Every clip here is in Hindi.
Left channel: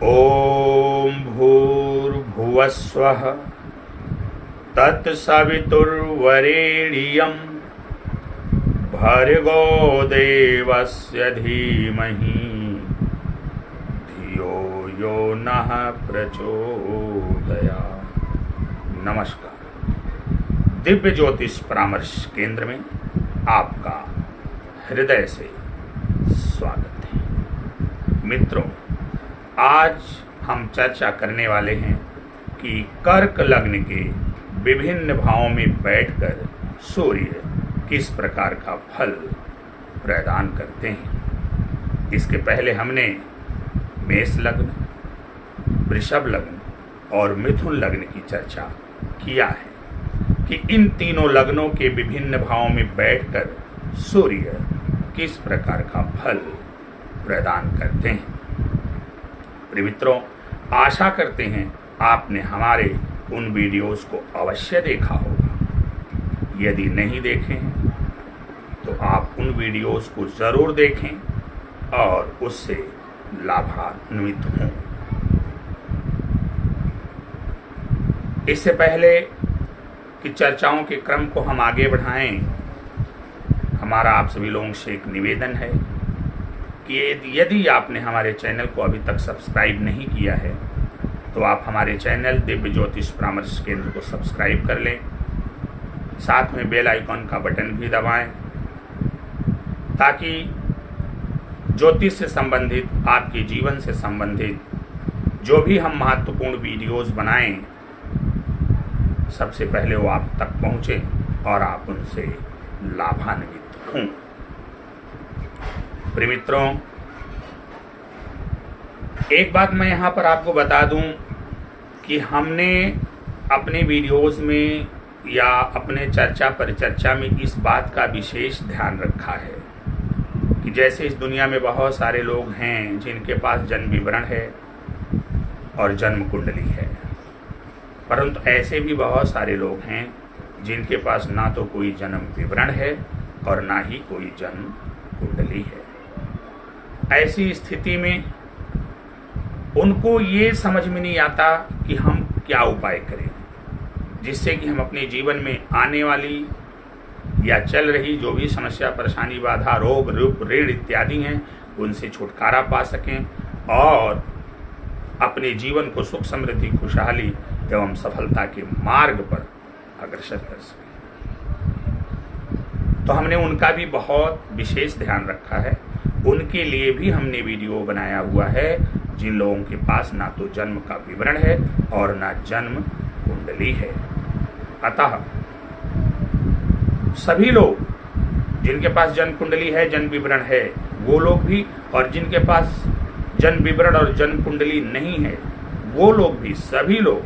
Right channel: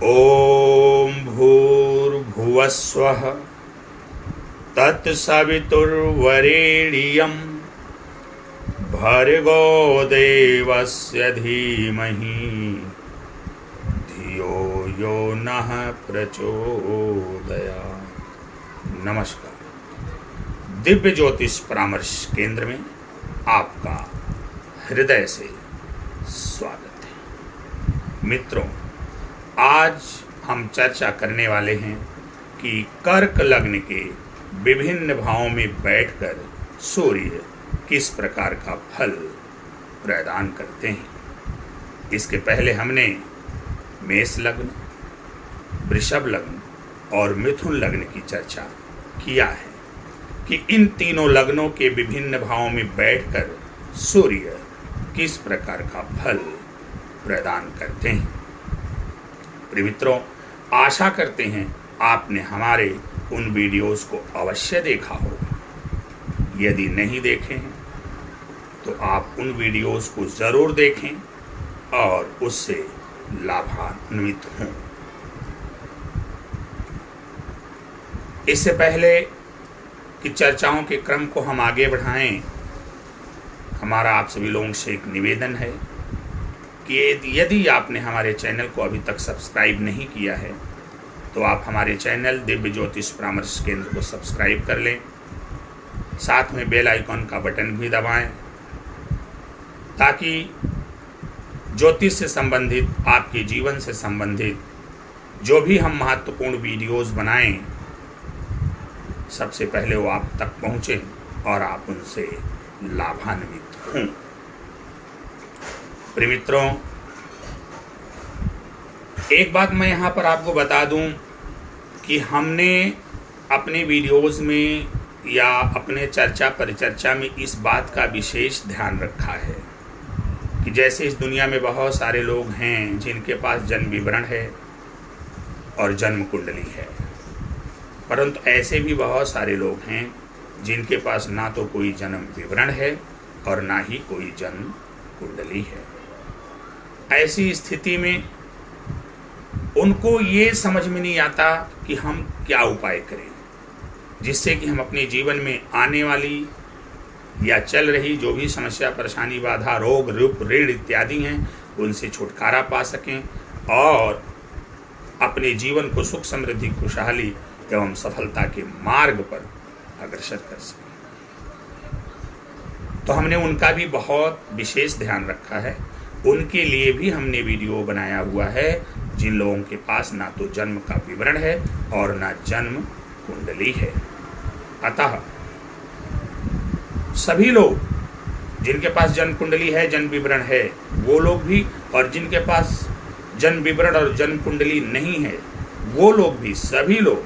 ॐ भूर्भुवस्वः तत्सवितुर्वरेण्यं भर्गो देवस्य धीमहि धियो यो नः प्रचोदयात्। नमस्कार। दिव्य ज्योतिष परामर्श केंद्र में आपका हृदय से स्वागत है। मित्रों, आज हम चर्चा करने वाले हैं कि कर्क लग्न के विभिन्न भावों में बैठकर सूर्य किस प्रकार का फल प्रदान करते हैं। इसके पहले हमने मेष लग्न, वृषभ लग्न और मिथुन लग्न की चर्चा किया है कि इन तीनों लग्नों के विभिन्न भावों में बैठकर सूर्य किस प्रकार का फल प्रदान करते हैं। प्रिय मित्रों, आशा करते हैं आपने हमारे उन वीडियोस को अवश्य देखा होगा। यदि नहीं देखे हैं तो आप उन वीडियोस को ज़रूर देखें और उससे लाभान्वित हों। इससे पहले कि चर्चाओं के क्रम को हम आगे बढ़ाएं, हमारा आप सभी लोगों से एक निवेदन है कि यदि आपने हमारे चैनल को अभी तक सब्सक्राइब नहीं किया है तो आप हमारे चैनल दिव्य ज्योतिष परामर्श केंद्र को सब्सक्राइब कर लें। साथ में बेल आइकॉन का बटन भी दबाएं ताकि ज्योतिष से संबंधित, आपके जीवन से संबंधित जो भी हम महत्वपूर्ण वीडियोस बनाएं सबसे पहले वो आप तक पहुंचे और आप उनसे लाभान्वित हों। प्रिय मित्रों, एक बात मैं यहाँ पर आपको बता दूं कि हमने अपने वीडियोस में या अपने चर्चा परिचर्चा में इस बात का विशेष ध्यान रखा है कि जैसे इस दुनिया में बहुत सारे लोग हैं जिनके पास जन्म विवरण है और जन्म कुंडली है, परंतु ऐसे भी बहुत सारे लोग हैं जिनके पास ना तो कोई जन्म विवरण है और ना ही कोई जन्म कुंडली है। ऐसी स्थिति में उनको ये समझ में नहीं आता कि हम क्या उपाय करें जिससे कि हम अपने जीवन में आने वाली या चल रही जो भी समस्या, परेशानी, बाधा, रोग, रूप, ऋण इत्यादि हैं उनसे छुटकारा पा सकें और अपने जीवन को सुख, समृद्धि, खुशहाली एवं सफलता के मार्ग पर अग्रसर कर सकें। तो हमने उनका भी बहुत विशेष ध्यान रखा है। उनके लिए भी हमने वीडियो बनाया हुआ है जिन लोगों के पास ना तो जन्म का विवरण है और ना जन्म कुंडली है। अतः सभी लोग जिनके पास जन्म कुंडली है, जन्म विवरण है, वो लोग भी, और जिनके पास जन्म विवरण और जन्म कुंडली नहीं है वो लोग भी, सभी लोग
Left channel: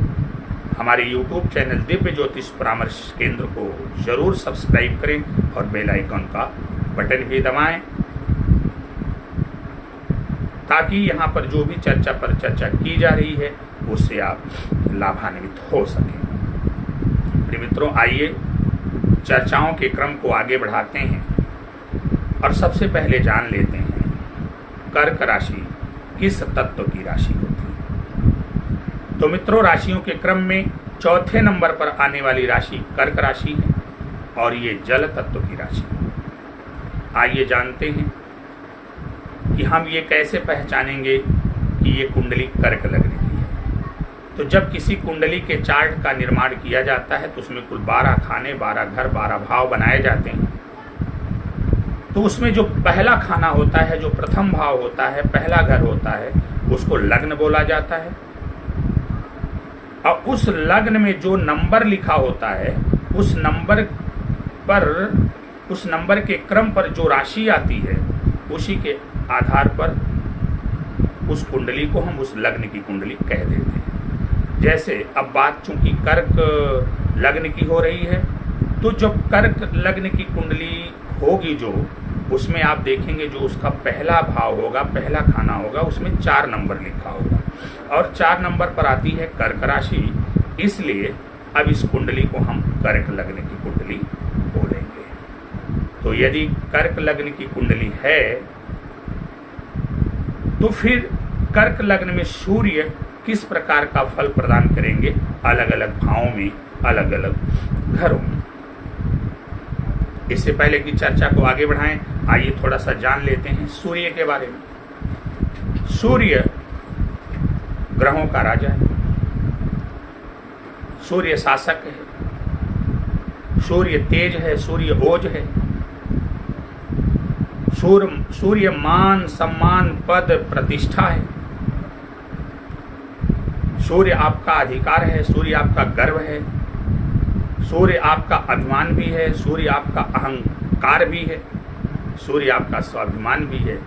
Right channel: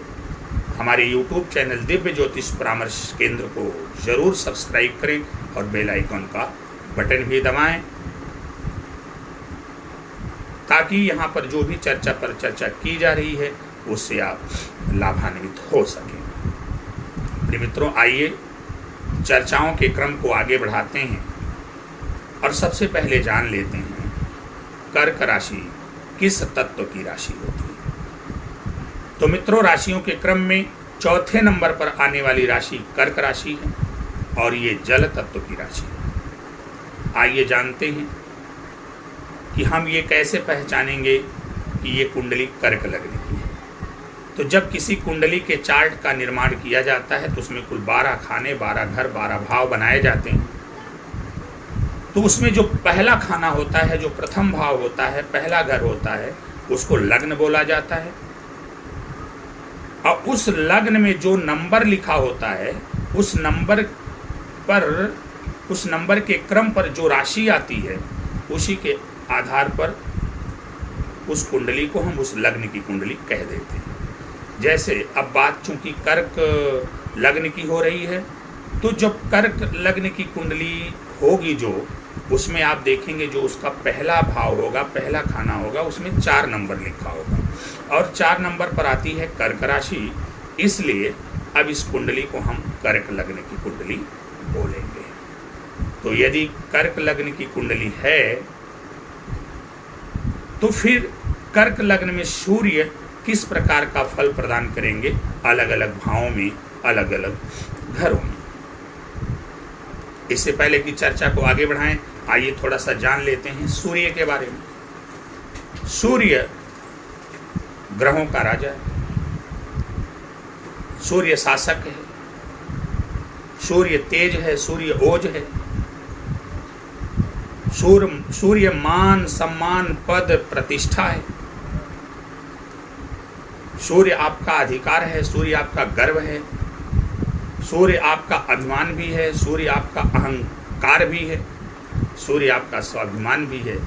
हमारे YouTube चैनल दिव्य ज्योतिष परामर्श केंद्र को जरूर सब्सक्राइब करें और बेल आइकॉन का बटन भी दबाएं ताकि यहाँ पर जो भी चर्चा पर चर्चा की जा रही है उससे आप लाभान्वित हो सकें। प्रिय मित्रों, आइए चर्चाओं के क्रम को आगे बढ़ाते हैं और सबसे पहले जान लेते हैं कर्क राशि किस तत्व की राशि होती है। तो मित्रों, राशियों के क्रम में चौथे नंबर पर आने वाली राशि कर्क राशि है और ये जल तत्व की राशि है। आइए जानते हैं कि हम ये कैसे पहचानेंगे कि ये कुंडली कर्क लग्न की है। तो जब किसी कुंडली के चार्ट का निर्माण किया जाता है तो उसमें कुल 12 खाने, 12 घर, 12 भाव बनाए जाते हैं। तो उसमें जो पहला खाना होता है, जो प्रथम भाव होता है, पहला घर होता है, उसको लग्न बोला जाता है। और उस लग्न में जो नंबर लिखा होता है उस नंबर के क्रम पर जो राशि आती है उसी के आधार पर उस कुंडली को हम उस लग्न की कुंडली कह देते हैं। जैसे अब बात चूंकि कर्क लग्न की हो रही है तो जब कर्क लग्न की कुंडली होगी जो, उसमें आप देखेंगे जो उसका पहला भाव होगा, पहला खाना होगा, उसमें 4 नंबर लिखा होगा और 4 नंबर पर आती है कर्क राशि। इसलिए अब इस कुंडली को हम कर्क लग्न की कुंडली बोलेंगे। तो यदि कर्क लग्न की कुंडली है तो फिर कर्क लग्न में सूर्य किस प्रकार का फल प्रदान करेंगे अलग अलग भावों में, अलग अलग घरों में। इससे पहले की चर्चा को आगे बढ़ाएं, आइए थोड़ा सा जान लेते हैं सूर्य के बारे में। सूर्य ग्रहों का राजा है, सूर्य शासक है, सूर्य तेज है, सूर्य ओज है। सूर्य मान सम्मान पद प्रतिष्ठा है। सूर्य आपका अधिकार है, सूर्य आपका गर्व है, सूर्य आपका अभिमान भी है, सूर्य आपका अहंकार भी है, सूर्य आपका स्वाभिमान भी है,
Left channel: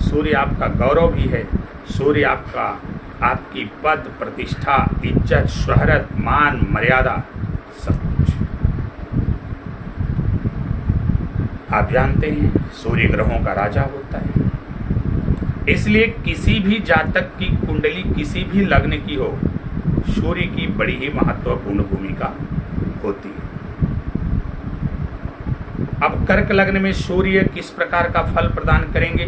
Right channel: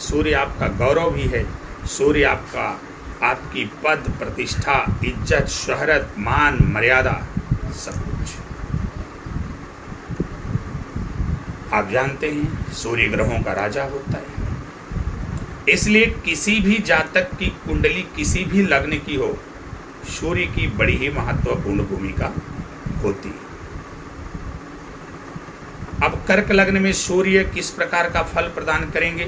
सूर्य आपका गौरव भी है, सूर्य आपकी पद प्रतिष्ठा, इज्जत, शोहरत, मान, मर्यादा, सब कुछ। आप जानते हैं सूर्य ग्रहों का राजा होता है। इसलिए किसी भी जातक की कुंडली किसी भी लग्न की हो, सूर्य की बड़ी ही महत्वपूर्ण भूमिका होती है। अब कर्क लग्न में सूर्य किस प्रकार का फल प्रदान करेंगे,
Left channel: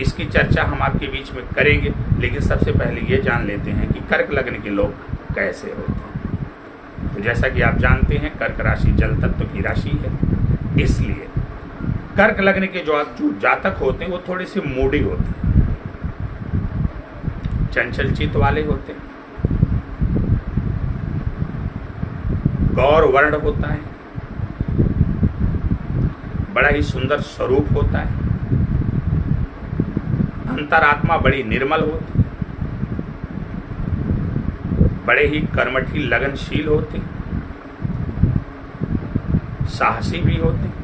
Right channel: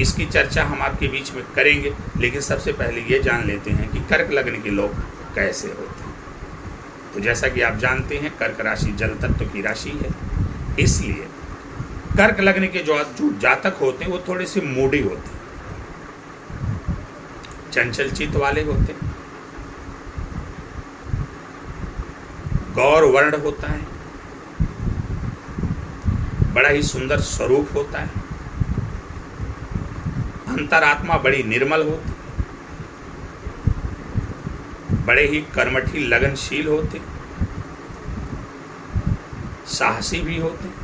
इसकी चर्चा हम आपके बीच में करेंगे, लेकिन सबसे पहले ये जान लेते हैं कि कर्क लग्न के लोग कैसे होते हैं। तो जैसा कि आप जानते हैं कर्क राशि जल तत्व की राशि है, इसलिए कर्क लग्न के जो जातक होते हैं वो थोड़े से मूडी होते हैं, चंचल चित्त वाले होते हैं, गौर वर्ण होता है, बड़ा ही सुंदर स्वरूप होता है, अंतरात्मा बड़ी निर्मल होती, बड़े ही कर्मठी लगनशील होते, साहसी भी होते।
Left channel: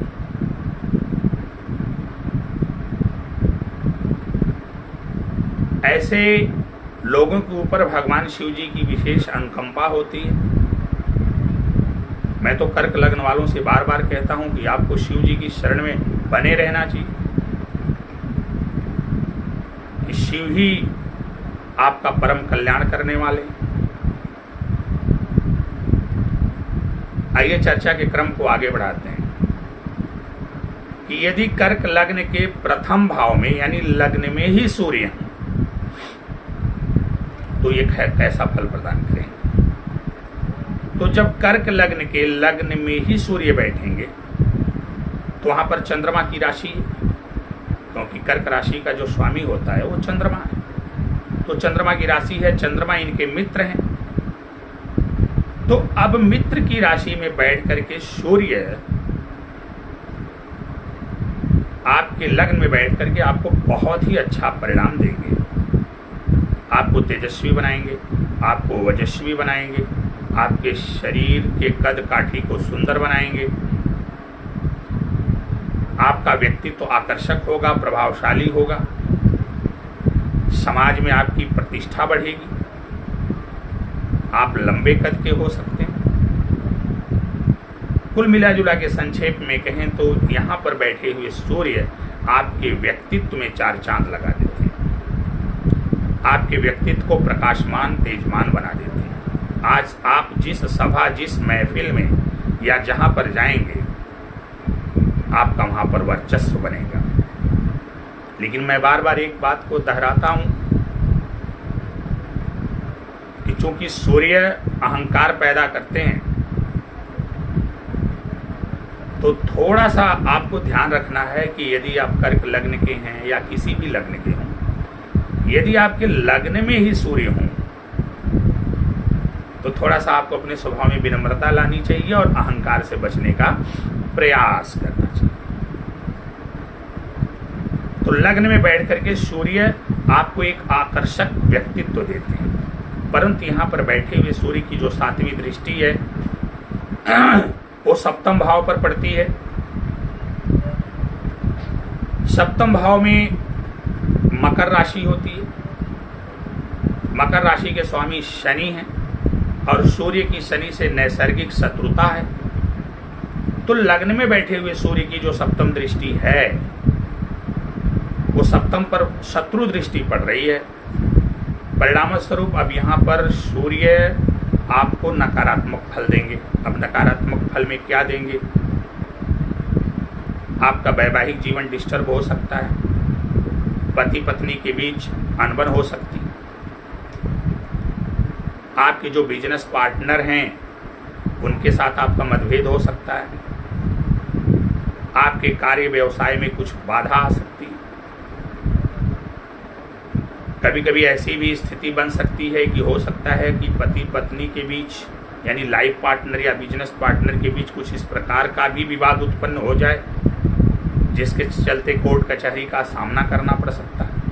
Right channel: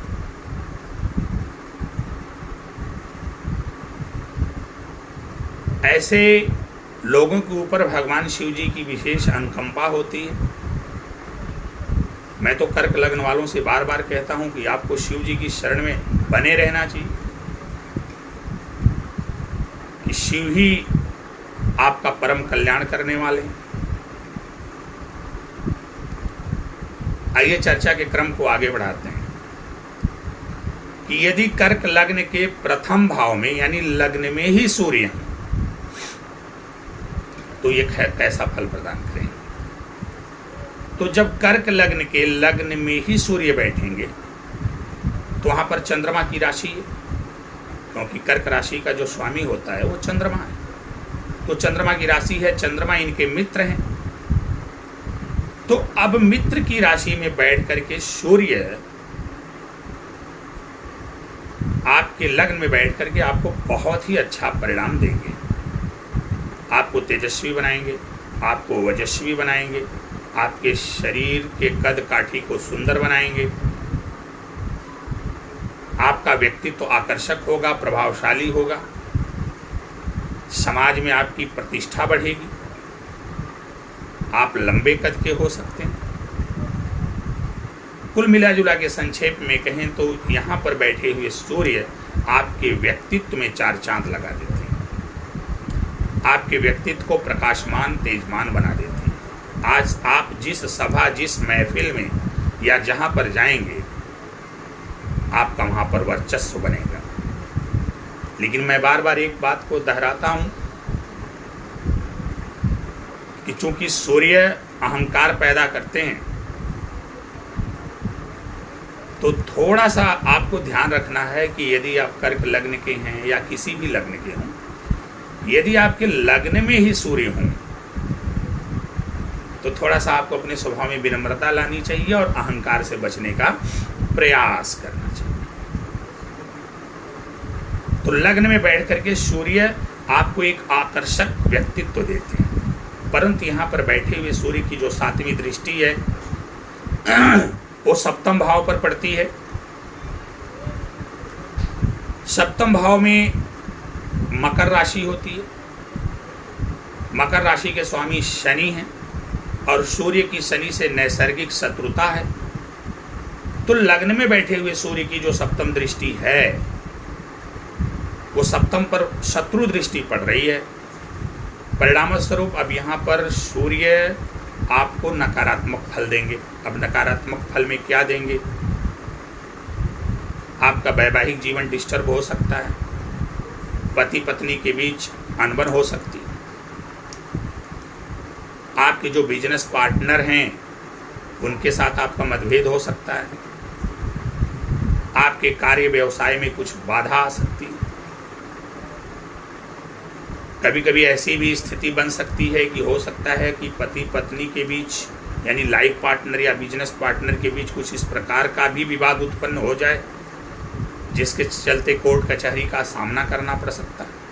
ऐसे लोगों के ऊपर भगवान शिव जी की विशेष अनुकंपा होती है। मैं तो कर्क लग्न वालों से बार बार कहता हूं कि आपको शिव जी की शरण में बने रहना चाहिए, कि शिव ही आपका परम कल्याण करने वाले हैं। आइए चर्चा के क्रम को आगे बढ़ाते हैं कि यदि कर्क लग्न के प्रथम भाव में यानी लग्न में ही सूर्य है तो ये कैसा फल प्रदान करेंगे। तो जब कर्क लग्न के लग्न में ही सूर्य बैठेंगे तो वहां पर चंद्रमा की राशि है, क्योंकि कर्क राशि का जो स्वामी होता है वो चंद्रमा है। तो चंद्रमा की राशि है, चंद्रमा इनके मित्र हैं। तो अब मित्र की राशि में बैठ करके सूर्य आपके लग्न में बैठ करके आपको बहुत ही अच्छा परिणाम देंगे। आपको तेजस्वी बनाएंगे, आपको वजस्वी बनाएंगे, आपके शरीर के कद काठी को सुंदर बनाएंगे, आपका व्यक्तित्व तो आकर्षक होगा, प्रभावशाली होगा, समाज में आपकी प्रतिष्ठा बढ़ेगी, आप लंबे कद के हो सकते हैं। कुल मिला जुला के संक्षेप में कहें तो यहाँ पर बैठे हुए सूर्य आपके व्यक्तित्व में चार चांद लगा देते हैं, आपके व्यक्तित्व को प्रकाशमान तेजमान बना देते हैं। आज आप जिस सभा, जिस महफिल में या जहाँ पर जाएंगे आपका वहाँ पर वर्चस्व बनेगा। लेकिन मैं बार बार एक बात को दोहराता हूँ कि चूंकि सूर्य अहंकार पैदा करते हैं तो थोड़ा सा आपको ध्यान रखना है कि यदि आप कर्क लग्न के हैं या किसी भी लग्न के हों, यदि आपके लग्न में ही सूर्य हों तो थोड़ा सा आपको अपने स्वभाव में विनम्रता लानी चाहिए और अहंकार से बचने का प्रयास करना चाहिए। तो लग्न में बैठ करके सूर्य आपको एक आकर्षक व्यक्तित्व देते हैं, परंतु यहाँ पर बैठे हुए सूर्य की जो सातवीं दृष्टि है वो सप्तम भाव पर पड़ती है। सप्तम भाव में मकर राशि होती है। मकर राशि के स्वामी शनि हैं और सूर्य की शनि से नैसर्गिक शत्रुता है। तो लग्न में बैठे हुए सूर्य की जो सप्तम दृष्टि है वो सप्तम पर शत्रु दृष्टि पड़ रही है। परिणाम स्वरूप अब यहाँ पर सूर्य आपको नकारात्मक फल देंगे। अब नकारात्मक फल में क्या देंगे? आपका वैवाहिक जीवन डिस्टर्ब हो सकता है, पति पत्नी के बीच अनबन हो सकती है। आपके जो बिजनेस पार्टनर हैं उनके साथ आपका मतभेद हो सकता है। आपके कार्य व्यवसाय में कुछ बाधा आ सकती है। कभी कभी ऐसी भी स्थिति बन सकती है कि हो सकता है कि पति पत्नी के बीच यानी लाइफ पार्टनर या बिजनेस पार्टनर के बीच कुछ इस प्रकार का भी विवाद उत्पन्न हो जाए जिसके चलते कोर्ट कचहरी का सामना करना पड़ सकता है।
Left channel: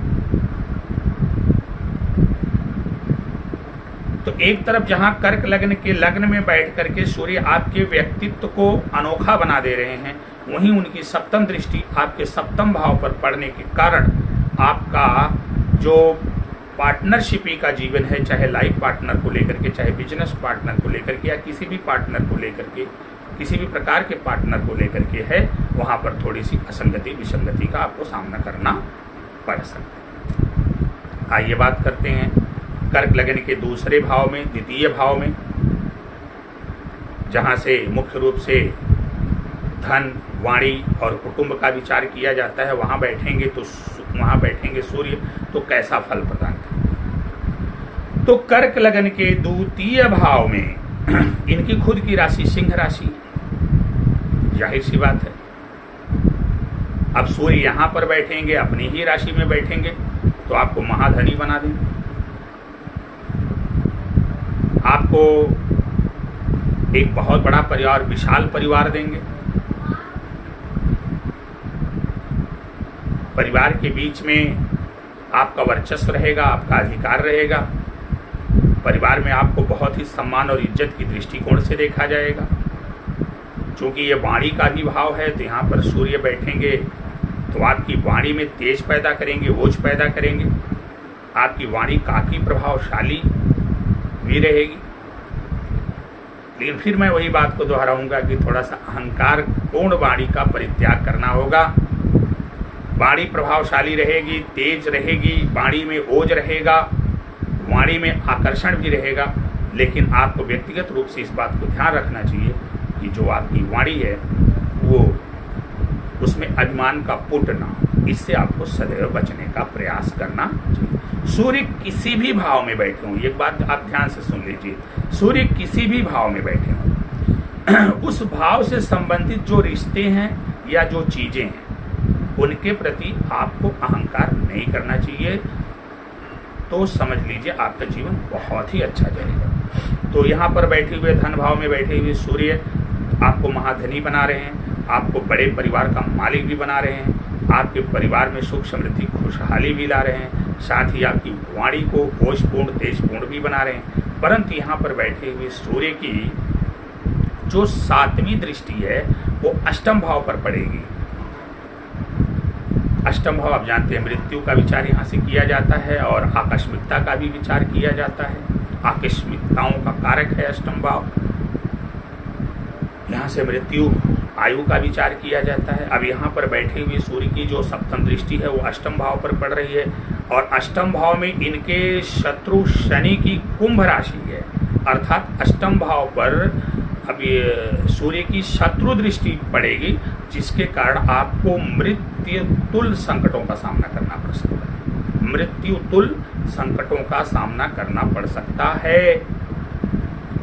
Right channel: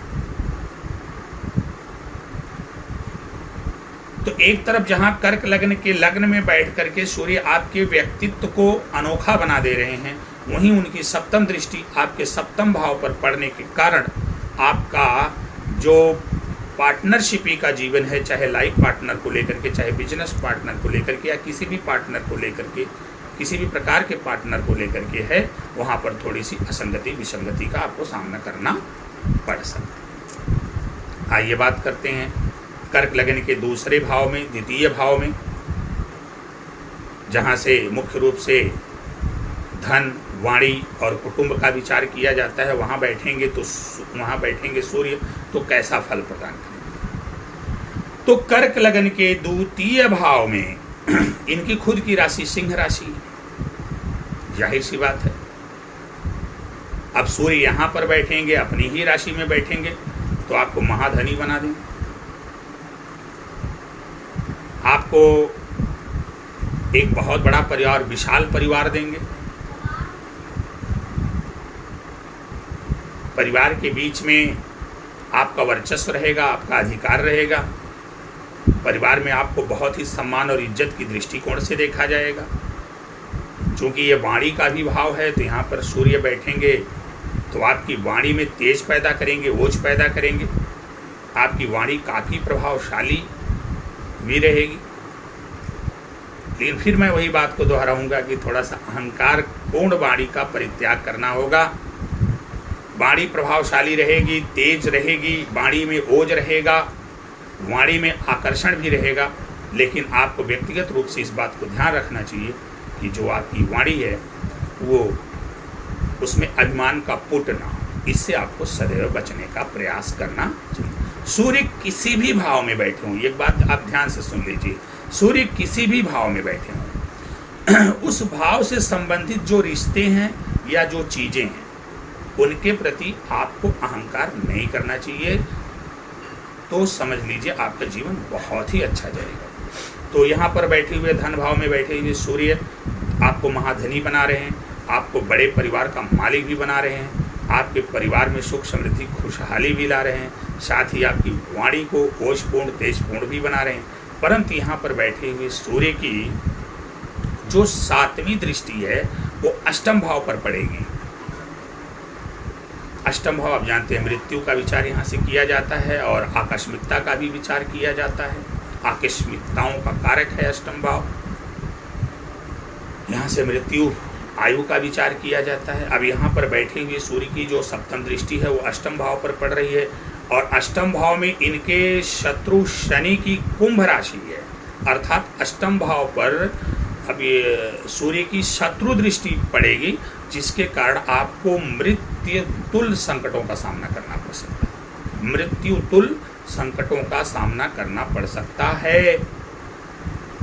तो एक तरफ जहां कर्क लग्न के लग्न में बैठ करके सूर्य आपके व्यक्तित्व को अनोखा बना दे रहे हैं, वहीं उनकी सप्तम दृष्टि आपके सप्तम भाव पर पड़ने के कारण आपका जो पार्टनरशिपी का जीवन है, चाहे लाइफ पार्टनर को लेकर के, चाहे बिजनेस पार्टनर को लेकर के, या किसी भी पार्टनर को लेकर के, किसी भी प्रकार के पार्टनर को लेकर के है, वहां पर थोड़ी सी असंगति विसंगति का आपको सामना करना पड़ सकता है। आइए बात करते हैं कर्क लग्न के दूसरे भाव में, द्वितीय भाव में, जहां से मुख्य रूप से धन, वाणी और कुटुंब का विचार किया जाता है। वहां बैठेंगे सूर्य तो कैसा फल प्रदान करेंगे। तो कर्क लग्न के द्वितीय भाव में इनकी खुद की राशि सिंह राशि, जाहिर सी बात है। अब सूर्य यहां पर बैठेंगे, अपनी ही राशि में बैठेंगे तो आपको महाधनी बना देंगे। आपको एक बहुत बड़ा परिवार, विशाल परिवार देंगे। परिवार के बीच में आपका वर्चस्व रहेगा, आपका अधिकार रहेगा। परिवार में आपको बहुत ही सम्मान और इज्जत की दृष्टिकोण से देखा जाएगा। चूंकि ये वाणी का भी भाव है तो यहाँ पर सूर्य बैठेंगे तो आपकी वाणी में तेज पैदा करेंगे, ओज पैदा करेंगे। आपकी वाणी काफ़ी प्रभावशाली भी रहेगी। लेकिन फिर मैं वही बात को दोहराऊंगा कि थोड़ा सा अहंकार पूर्ण वाणी का परित्याग करना होगा। वाणी प्रभावशाली रहेगी, तेज रहेगी, वाणी में ओज रहेगा, वाणी में आकर्षण भी रहेगा। लेकिन आपको व्यक्तिगत रूप से इस बात को ध्यान रखना चाहिए कि जो आपकी वाणी है वो उसमें अभिमान का पुट ना हो। इससे आपको सदैव बचने का प्रयास करना चाहिए। सूर्य किसी भी भाव में बैठे हों, एक बात आप ध्यान से सुन लीजिए, सूर्य किसी भी भाव में बैठे हों, उस भाव से संबंधित जो रिश्ते हैं या जो चीजें हैं उनके प्रति आपको अहंकार नहीं करना चाहिए। तो समझ लीजिए आपका जीवन बहुत ही अच्छा जाएगा। तो यहाँ पर बैठे हुए धन भाव में बैठे हुए सूर्य आपको महाधनी बना रहे हैं, आपको बड़े परिवार का मालिक भी बना रहे हैं, आपके परिवार में सुख समृद्धि खुशहाली भी ला रहे हैं, साथ ही आपकी वाणी को ओजपूर्ण तेजपूर्ण भी बना रहे हैं। परंतु यहाँ पर बैठे हुए सूर्य की जो सातवीं दृष्टि है वो अष्टम भाव पर पड़ेगी। अष्टम भाव आप जानते हैं मृत्यु का विचार यहाँ से किया जाता है और आकस्मिकता का भी विचार किया जाता है। आकस्मिकताओं का कारक है अष्टम भाव। यहाँ से मृत्यु आयु का विचार किया जाता है। अब यहाँ पर बैठे हुए सूर्य की जो सप्तम दृष्टि है वो अष्टम भाव पर पड़ रही है और अष्टम भाव में इनके शत्रु शनि की कुंभ राशि है, अर्थात अष्टम भाव पर अब ये सूर्य की शत्रु दृष्टि पड़ेगी, जिसके कारण आपको मृत्यु तुल्य संकटों का सामना करना पड़ सकता है। मृत्यु तुल्य संकटों का सामना करना पड़ सकता है।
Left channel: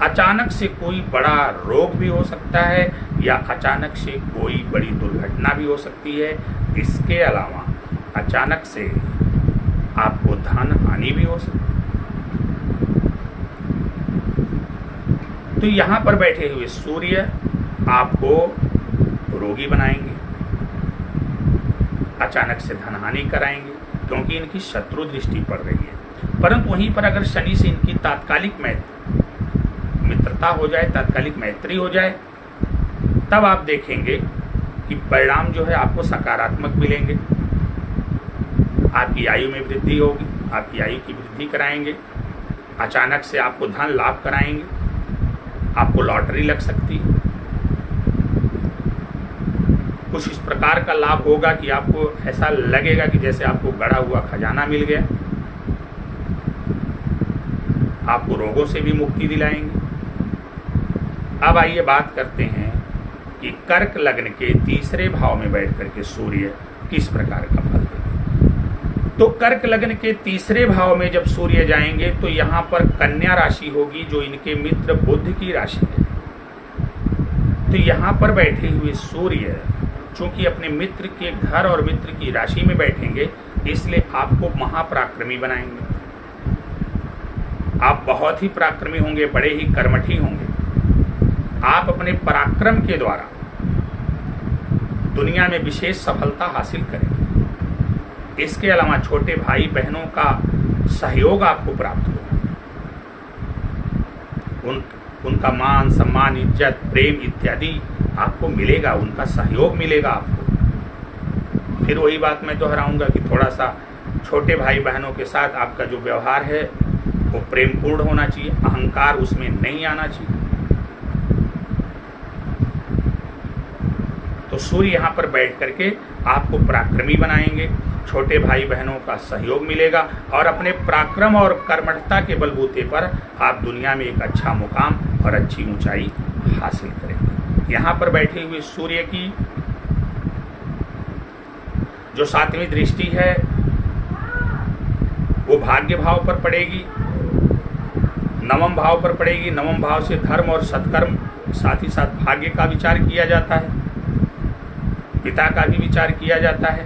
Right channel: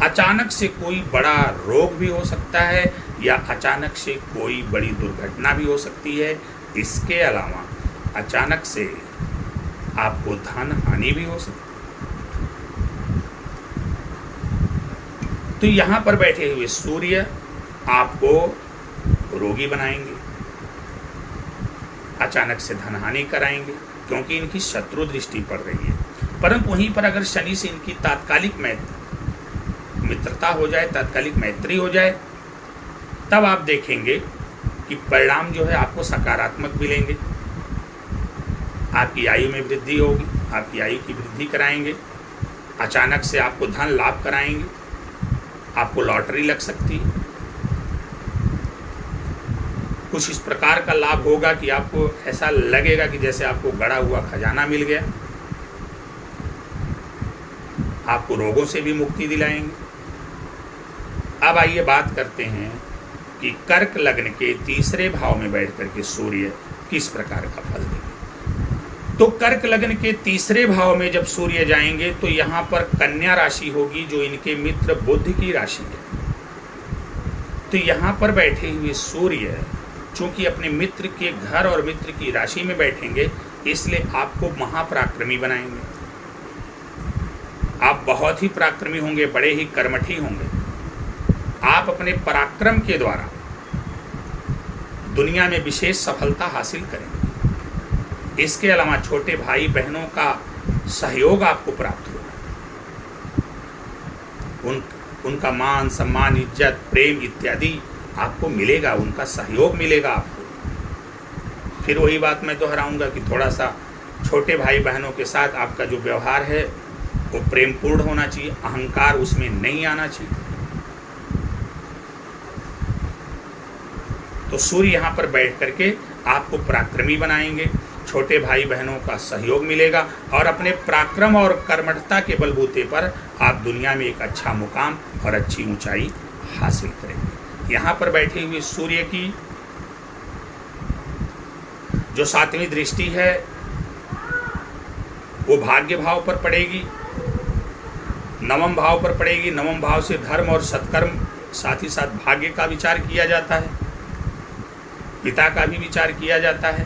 अचानक से कोई बड़ा रोग भी हो सकता है या अचानक से कोई बड़ी दुर्घटना भी हो सकती है। इसके अलावा अचानक से आपको धन हानि भी हो सकती है। तो यहाँ पर बैठे हुए सूर्य आपको रोगी बनाएंगे, अचानक से धन हानि कराएंगे क्योंकि इनकी शत्रु दृष्टि पड़ रही है। परंतु वहीं पर अगर शनि से इनकी तात्कालिक मित्रता हो जाए, तात्कालिक मैत्री हो जाए, तब आप देखेंगे कि परिणाम जो है आपको सकारात्मक मिलेंगे। आपकी आयु में वृद्धि होगी, आपकी आयु की वृद्धि कराएंगे, अचानक से आपको धन लाभ कराएंगे, आपको लॉटरी लग सकती है। कुछ इस प्रकार का लाभ होगा कि आपको ऐसा लगेगा कि जैसे आपको गड़ा हुआ खजाना मिल गया। आपको रोगों से भी मुक्ति दिलाएंगे। अब आइए बात करते हैं कि कर्क लग्न के तीसरे भाव में बैठ करके सूर्य किस प्रकार का फल देंगे। तो कर्क लग्न के तीसरे भाव में जब सूर्य जाएंगे तो यहाँ पर कन्या राशि होगी, जो इनके मित्र बुध की राशि है। तो यहाँ पर बैठे हुए सूर्य चूंकि अपने मित्र के घर और मित्र की राशि में बैठेंगे, इसलिए आपको महापराक्रमी बनाएंगे। आप बहुत ही पराक्रमी होंगे, बड़े ही कर्मठी होंगे। आप अपने पराक्रम के द्वारा दुनिया में विशेष सफलता हासिल करेंगे। इसके अलावा छोटे भाई बहनों का सहयोग आपको प्राप्त होगा। उनका मान सम्मान, इज्जत, प्रेम इत्यादि आपको मिलेगा, उनका सहयोग मिलेगा आपको। फिर वही बात मैं दोहराऊंगा कि थोड़ा सा छोटे भाई बहनों के साथ आपका जो व्यवहार है वो प्रेमपूर्ण होना चाहिए, अहंकार उसमें नहीं आना चाहिए। तो सूर्य यहाँ पर बैठ करके आपको पराक्रमी बनाएंगे, छोटे भाई बहनों का सहयोग मिलेगा और अपने पराक्रम और कर्मठता के बलबूते पर आप दुनिया में एक अच्छा मुकाम और अच्छी ऊंचाई हासिल करेंगे। यहाँ पर बैठे हुए सूर्य की जो 7वीं दृष्टि है वो भाग्य भाव पर पड़ेगी, 9वें भाव पर पड़ेगी। 9वें भाव से धर्म और सत्कर्म, साथ ही साथ भाग्य का विचार किया जाता है, पिता का भी विचार किया जाता है।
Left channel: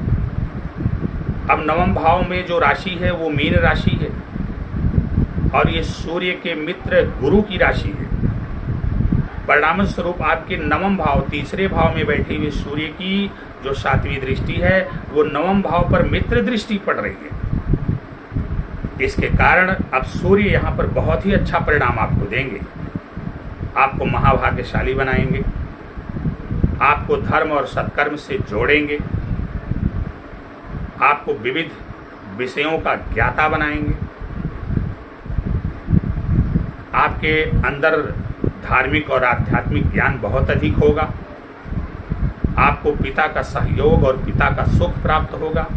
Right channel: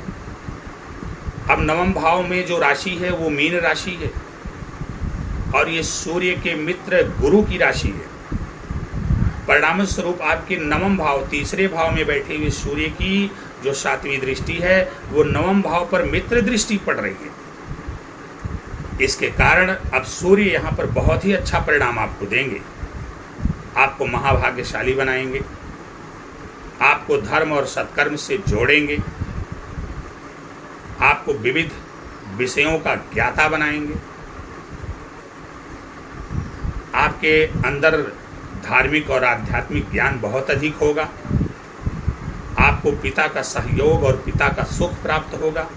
अब 9वें भाव में जो राशि है वो मीन राशि है और ये सूर्य के मित्र गुरु की राशि है। परिणाम स्वरूप आपके 9वें भाव, तीसरे भाव में बैठे हुए सूर्य की जो 7वीं दृष्टि है वो 9वें भाव पर मित्र दृष्टि पड़ रही है। इसके कारण अब सूर्य यहाँ पर बहुत ही अच्छा परिणाम आपको देंगे, आपको महाभाग्यशाली बनाएंगे, आपको धर्म और सत्कर्म से जोड़ेंगे, आपको विविध विषयों का ज्ञाता बनाएंगे, आपके अंदर धार्मिक और आध्यात्मिक ज्ञान बहुत अधिक होगा, आपको पिता का सहयोग और पिता का सुख प्राप्त होगा,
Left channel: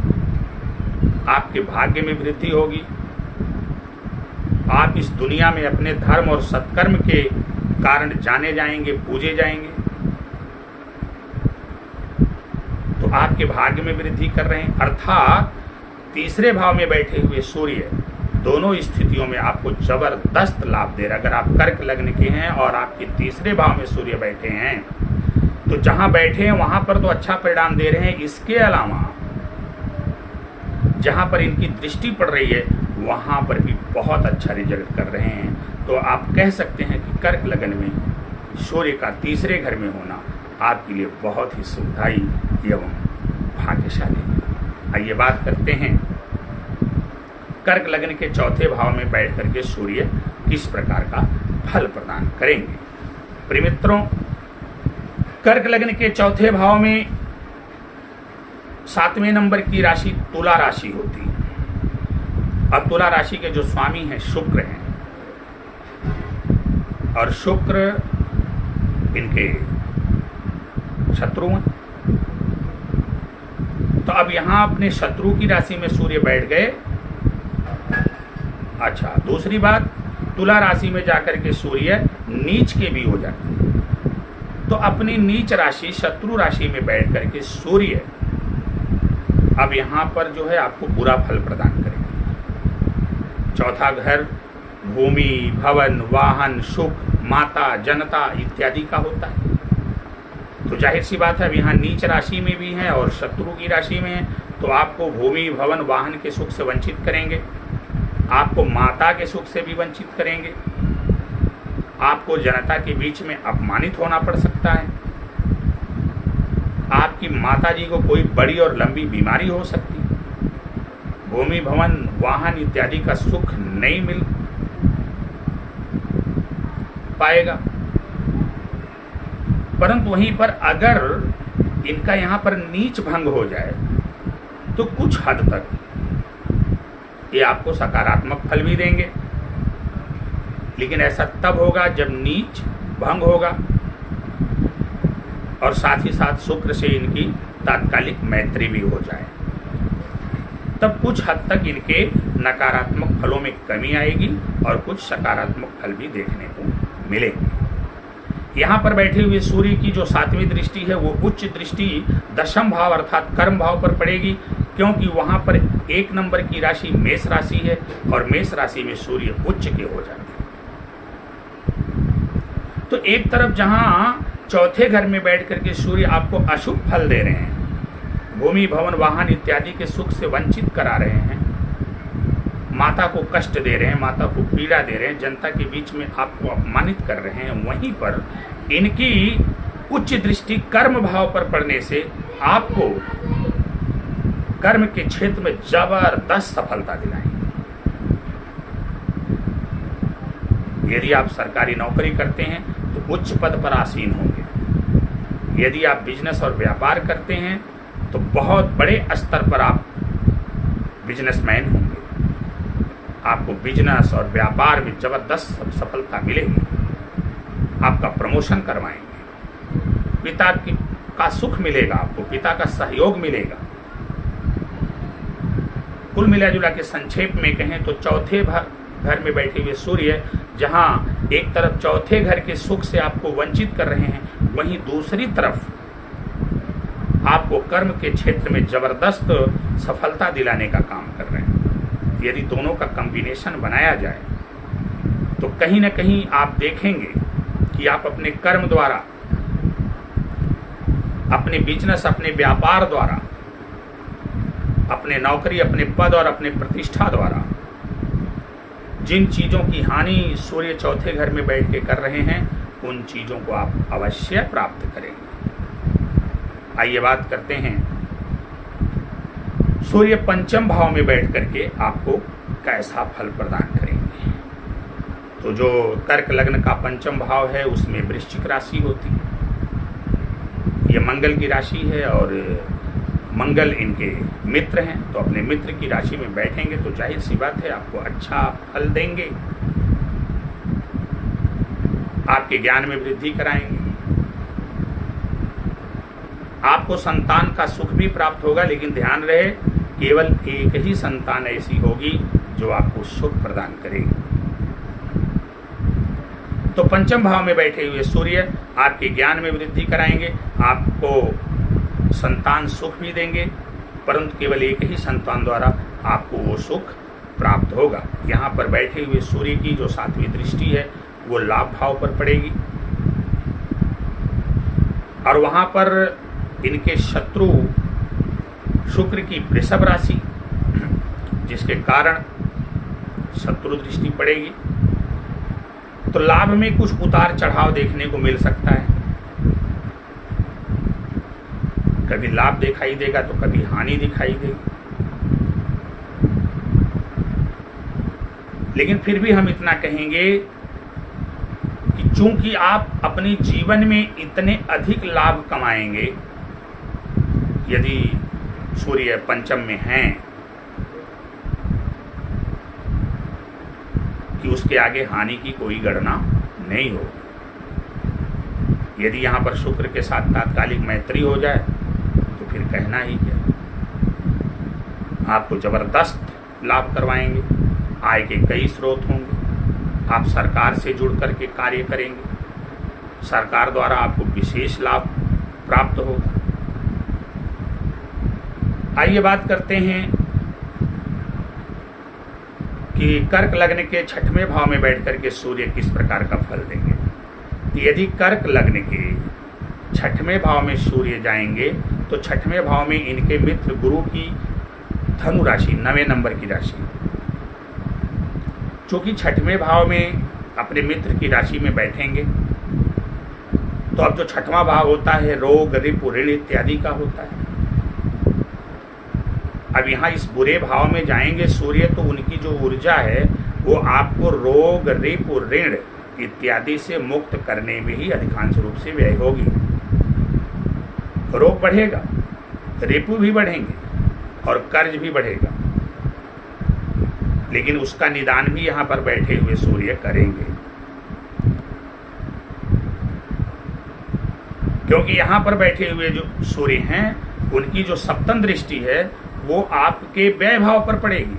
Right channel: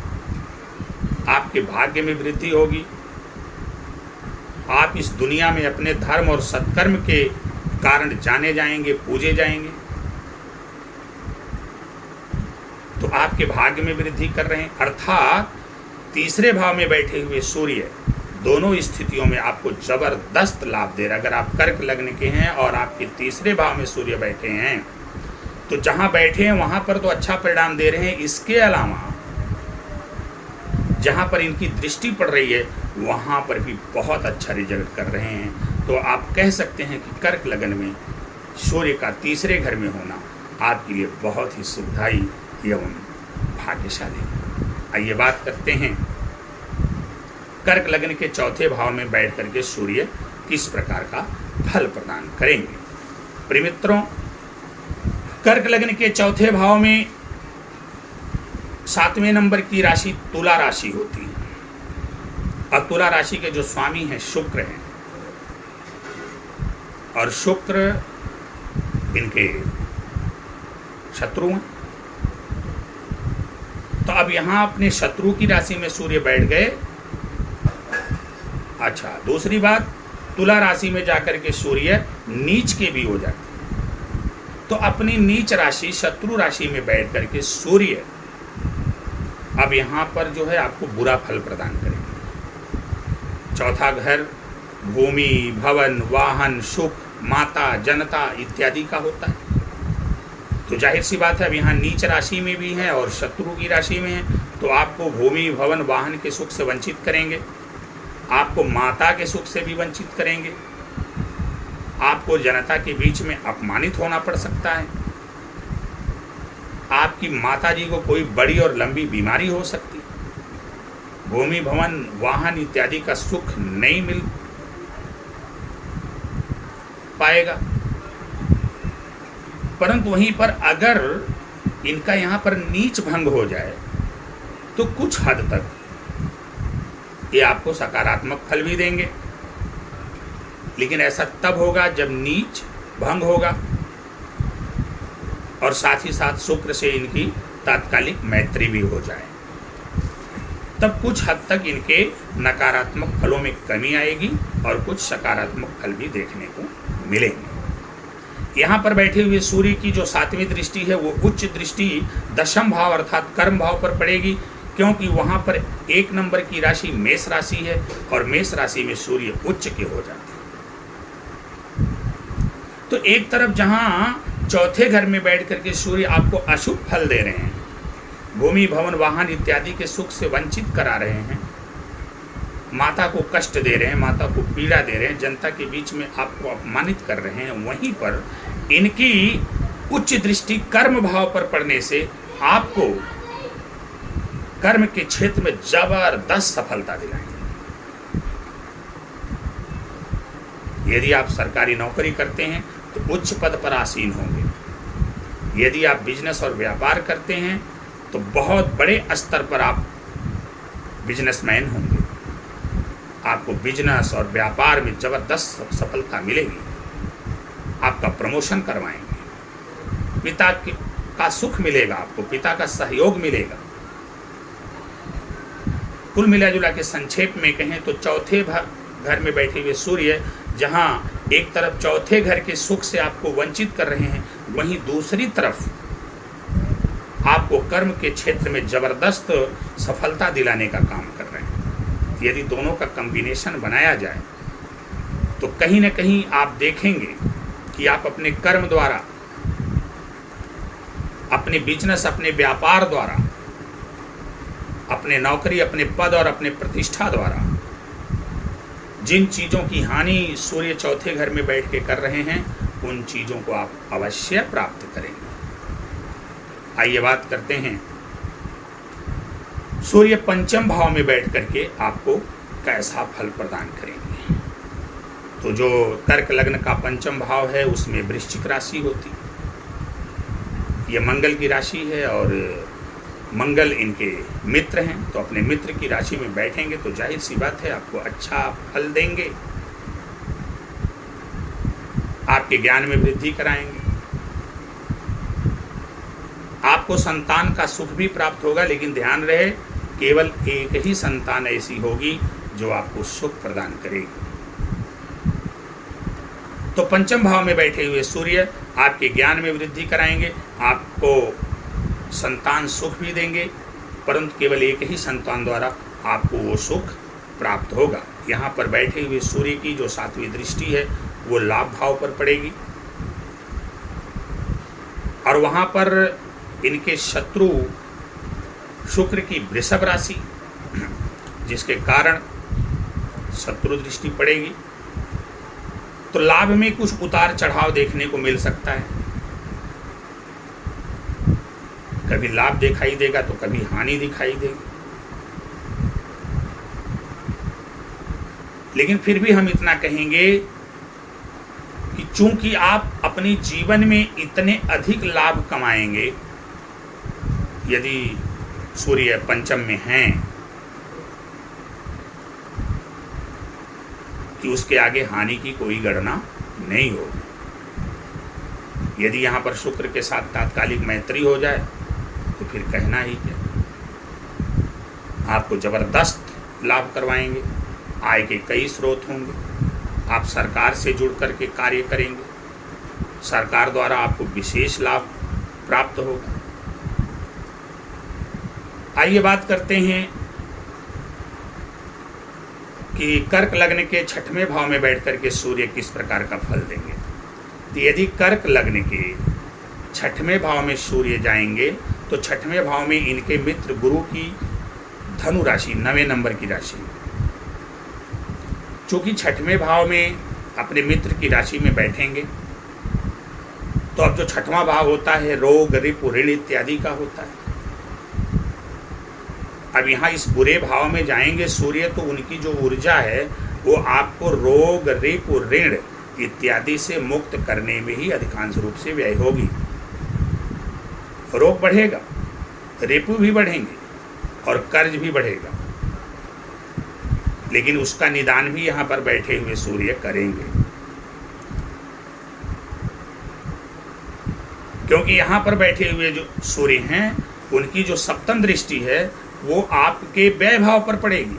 आपके भाग्य में वृद्धि होगी, आप इस दुनिया में अपने धर्म और सत्कर्म के कारण जाने जाएंगे, पूजे जाएंगे। तो आपके भाग्य में वृद्धि कर रहे हैं, अर्थात तीसरे भाव में बैठे हुए सूर्य दोनों स्थितियों में आपको जबरदस्त लाभ दे रहा है। अगर आप कर्क लग्न के हैं और आपके तीसरे भाव में सूर्य बैठे हैं तो जहां बैठे हैं वहां पर तो अच्छा परिणाम दे रहे हैं। इसके अलावा जहां पर इनकी दृष्टि पड़ रही है वहां पर भी बहुत अच्छा रिजल्ट कर रहे हैं। तो आप कह सकते हैं कि कर्क लग्न में सूर्य का तीसरे घर में होना आपके लिए बहुत ही सुखदायी एवं भाग्यशाली है। आइए बात करते हैं कर्क लग्न के चौथे भाव में बैठ करके सूर्य किस प्रकार का फल प्रदान करेंगे। प्रिय मित्रों, कर्क लग्न के चौथे भाव में 7वें नंबर की राशि तुला राशि होती है और तुला राशि के जो स्वामी हैं शुक्र हैं और शुक्र इनके शत्रु हैं। तो अब यहां अपने शत्रु की राशि में सूर्य बैठ गए। अच्छा, दूसरी बात, तुला राशि में जाकर के सूर्य नीच के भी हो जाते हैं। तो अपनी नीच राशि शत्रु राशि में बैठ करके सूर्य अब यहां पर जो है आपको बुरा फल प्रदान करेंगे। चौथा घर भूमि, भवन, वाहन, सुख, माता, जनता इत्यादि का होता है। तो जाहिर सी बात है अब यहाँ नीच राशि में भी हैं और शत्रु की राशि में हैं, तो आपको भूमि, भवन, वाहन के सुख से वंचित करेंगे, आपको माता के सुख से भी वंचित करेंगे, आपको जनता के बीच में अपमानित होना पड़ सकता है, आपकी माता जी को कोई बड़ी और लंबी बीमारी हो सकती है, भूमि, भवन, वाहन इत्यादि का सुख नहीं मिल पाएगा। परंतु वहीं पर अगर इनका यहाँ पर नीच भंग हो जाए तो कुछ हद तक ये आपको सकारात्मक फल भी देंगे, लेकिन ऐसा तब होगा जब नीच भंग होगा और साथ ही साथ शुक्र से इनकी तात्कालिक मैत्री भी हो जाए, तब कुछ हद तक इनके नकारात्मक फलों में कमी आएगी और कुछ सकारात्मक फल भी देखने को मिलेंगे। यहाँ पर बैठे हुए सूर्य की जो 7वीं दृष्टि है वो उच्च दृष्टि 10वें भाव अर्थात कर्म भाव पर पड़ेगी, क्योंकि वहां पर 1 नंबर की राशि मेष राशि है और मेष राशि में सूर्य उच्च के हो जाते हैं। तो एक तरफ जहां चौथे घर में बैठ करके सूर्य आपको अशुभ फल दे रहे हैं, भूमि भवन वाहन इत्यादि के सुख से वंचित करा रहे हैं, माता को कष्ट दे रहे हैं, माता को पीड़ा दे रहे हैं, जनता के बीच में आपको अपमानित कर रहे हैं, वहीं पर इनकी उच्च दृष्टि कर्म भाव पर पड़ने से आपको कर्म के क्षेत्र में जबरदस्त सफलता दिलाएंगे। यदि आप सरकारी नौकरी करते हैं तो उच्च पद पर आसीन होंगे। यदि आप बिजनेस और व्यापार करते हैं तो बहुत बड़े स्तर पर आप बिजनेसमैन होंगे। आपको बिजनेस और व्यापार में जबरदस्त सफलता मिलेगी। आपका प्रमोशन करवाएंगे, पिता का सुख मिलेगा, आपको पिता का सहयोग मिलेगा। कुल मिला जुला के संक्षेप में कहें तो चौथे घर में बैठे हुए सूर्य जहां एक तरफ चौथे घर के सुख से आपको वंचित कर रहे हैं, वहीं दूसरी तरफ आपको कर्म के क्षेत्र में जबरदस्त सफलता दिलाने का काम कर रहे हैं। यदि दोनों का कॉम्बिनेशन बनाया जाए तो कहीं ना कहीं आप देखेंगे कि आप अपने कर्म द्वारा, अपने बिजनेस, अपने व्यापार द्वारा, अपने नौकरी, अपने पद और अपने प्रतिष्ठा द्वारा जिन चीजों की हानि सूर्य चौथे घर में बैठ के कर रहे हैं, उन चीजों को आप अवश्य प्राप्त करेंगे। आइए बात करते हैं सूर्य पंचम भाव में बैठ करके आपको कैसा फल प्रदान करेंगे। तो जो कर्क लग्न का पंचम भाव है उसमें वृश्चिक राशि होती, ये मंगल की राशि है और मंगल इनके मित्र हैं, तो अपने मित्र की राशि में बैठेंगे तो जाहिर सी बात है आपको अच्छा फल देंगे, आपके ज्ञान में वृद्धि कराएंगे, आपको संतान का सुख भी प्राप्त होगा। लेकिन ध्यान रहे केवल एक ही संतान ऐसी होगी जो आपको सुख प्रदान करेगी। तो पंचम भाव में बैठे हुए सूर्य आपके ज्ञान में वृद्धि कराएंगे, आपको संतान सुख भी देंगे, परंतु केवल एक ही संतान द्वारा आपको वो सुख प्राप्त होगा। यहाँ पर बैठे हुए सूर्य की जो 7वीं दृष्टि है वो लाभ भाव पर पड़ेगी और वहां पर इनके शत्रु शुक्र की वृषभ राशि, जिसके कारण शत्रु दृष्टि पड़ेगी। तो लाभ में कुछ उतार चढ़ाव देखने को मिल सकता है, कभी लाभ दिखाई देगा तो कभी हानि दिखाई देगी। लेकिन फिर भी हम इतना कहेंगे कि चूंकि आप अपने जीवन में इतने अधिक लाभ कमाएंगे, यदि सूर्य पंचम में हैं, कि उसके आगे हानि की कोई गणना नहीं होगी। यदि यहां पर शुक्र के साथ तात्कालिक मैत्री हो जाए तो फिर कहना ही क्या, आपको जबरदस्त लाभ करवाएंगे, आय के कई स्रोत होंगे, आप सरकार से जुड़ करके कार्य करेंगे, सरकार द्वारा आपको विशेष लाभ प्राप्त होगा। आइए बात करते हैं कि कर्क लग्न के 6वें भाव में बैठ करके सूर्य किस प्रकार का फल देंगे। तो यदि कर्क लग्न के 6वें भाव में सूर्य जाएंगे तो 6वें भाव में इनके मित्र गुरु की धनु राशि 9वें नंबर की राशि, चूंकि 6वें भाव में अपने मित्र की राशि में बैठेंगे तो अब जो 6वां भाव होता है रोग, रिपु, ऋण इत्यादि का होता है। अब यहाँ इस बुरे भाव में जाएंगे सूर्य तो उनकी जो ऊर्जा है वो आपको रोग, रिपु, ऋण इत्यादि से मुक्त करने में ही अधिकांश रूप से व्यय होगी। रोग बढ़ेगा, रिपु भी बढ़ेंगे और कर्ज भी बढ़ेगा, लेकिन उसका निदान भी यहाँ पर बैठे हुए सूर्य करेंगे, क्योंकि यहाँ पर बैठे हुए जो सूर्य हैं उनकी जो सप्तम दृष्टि है वो आपके व्यय भाव पर पड़ेगी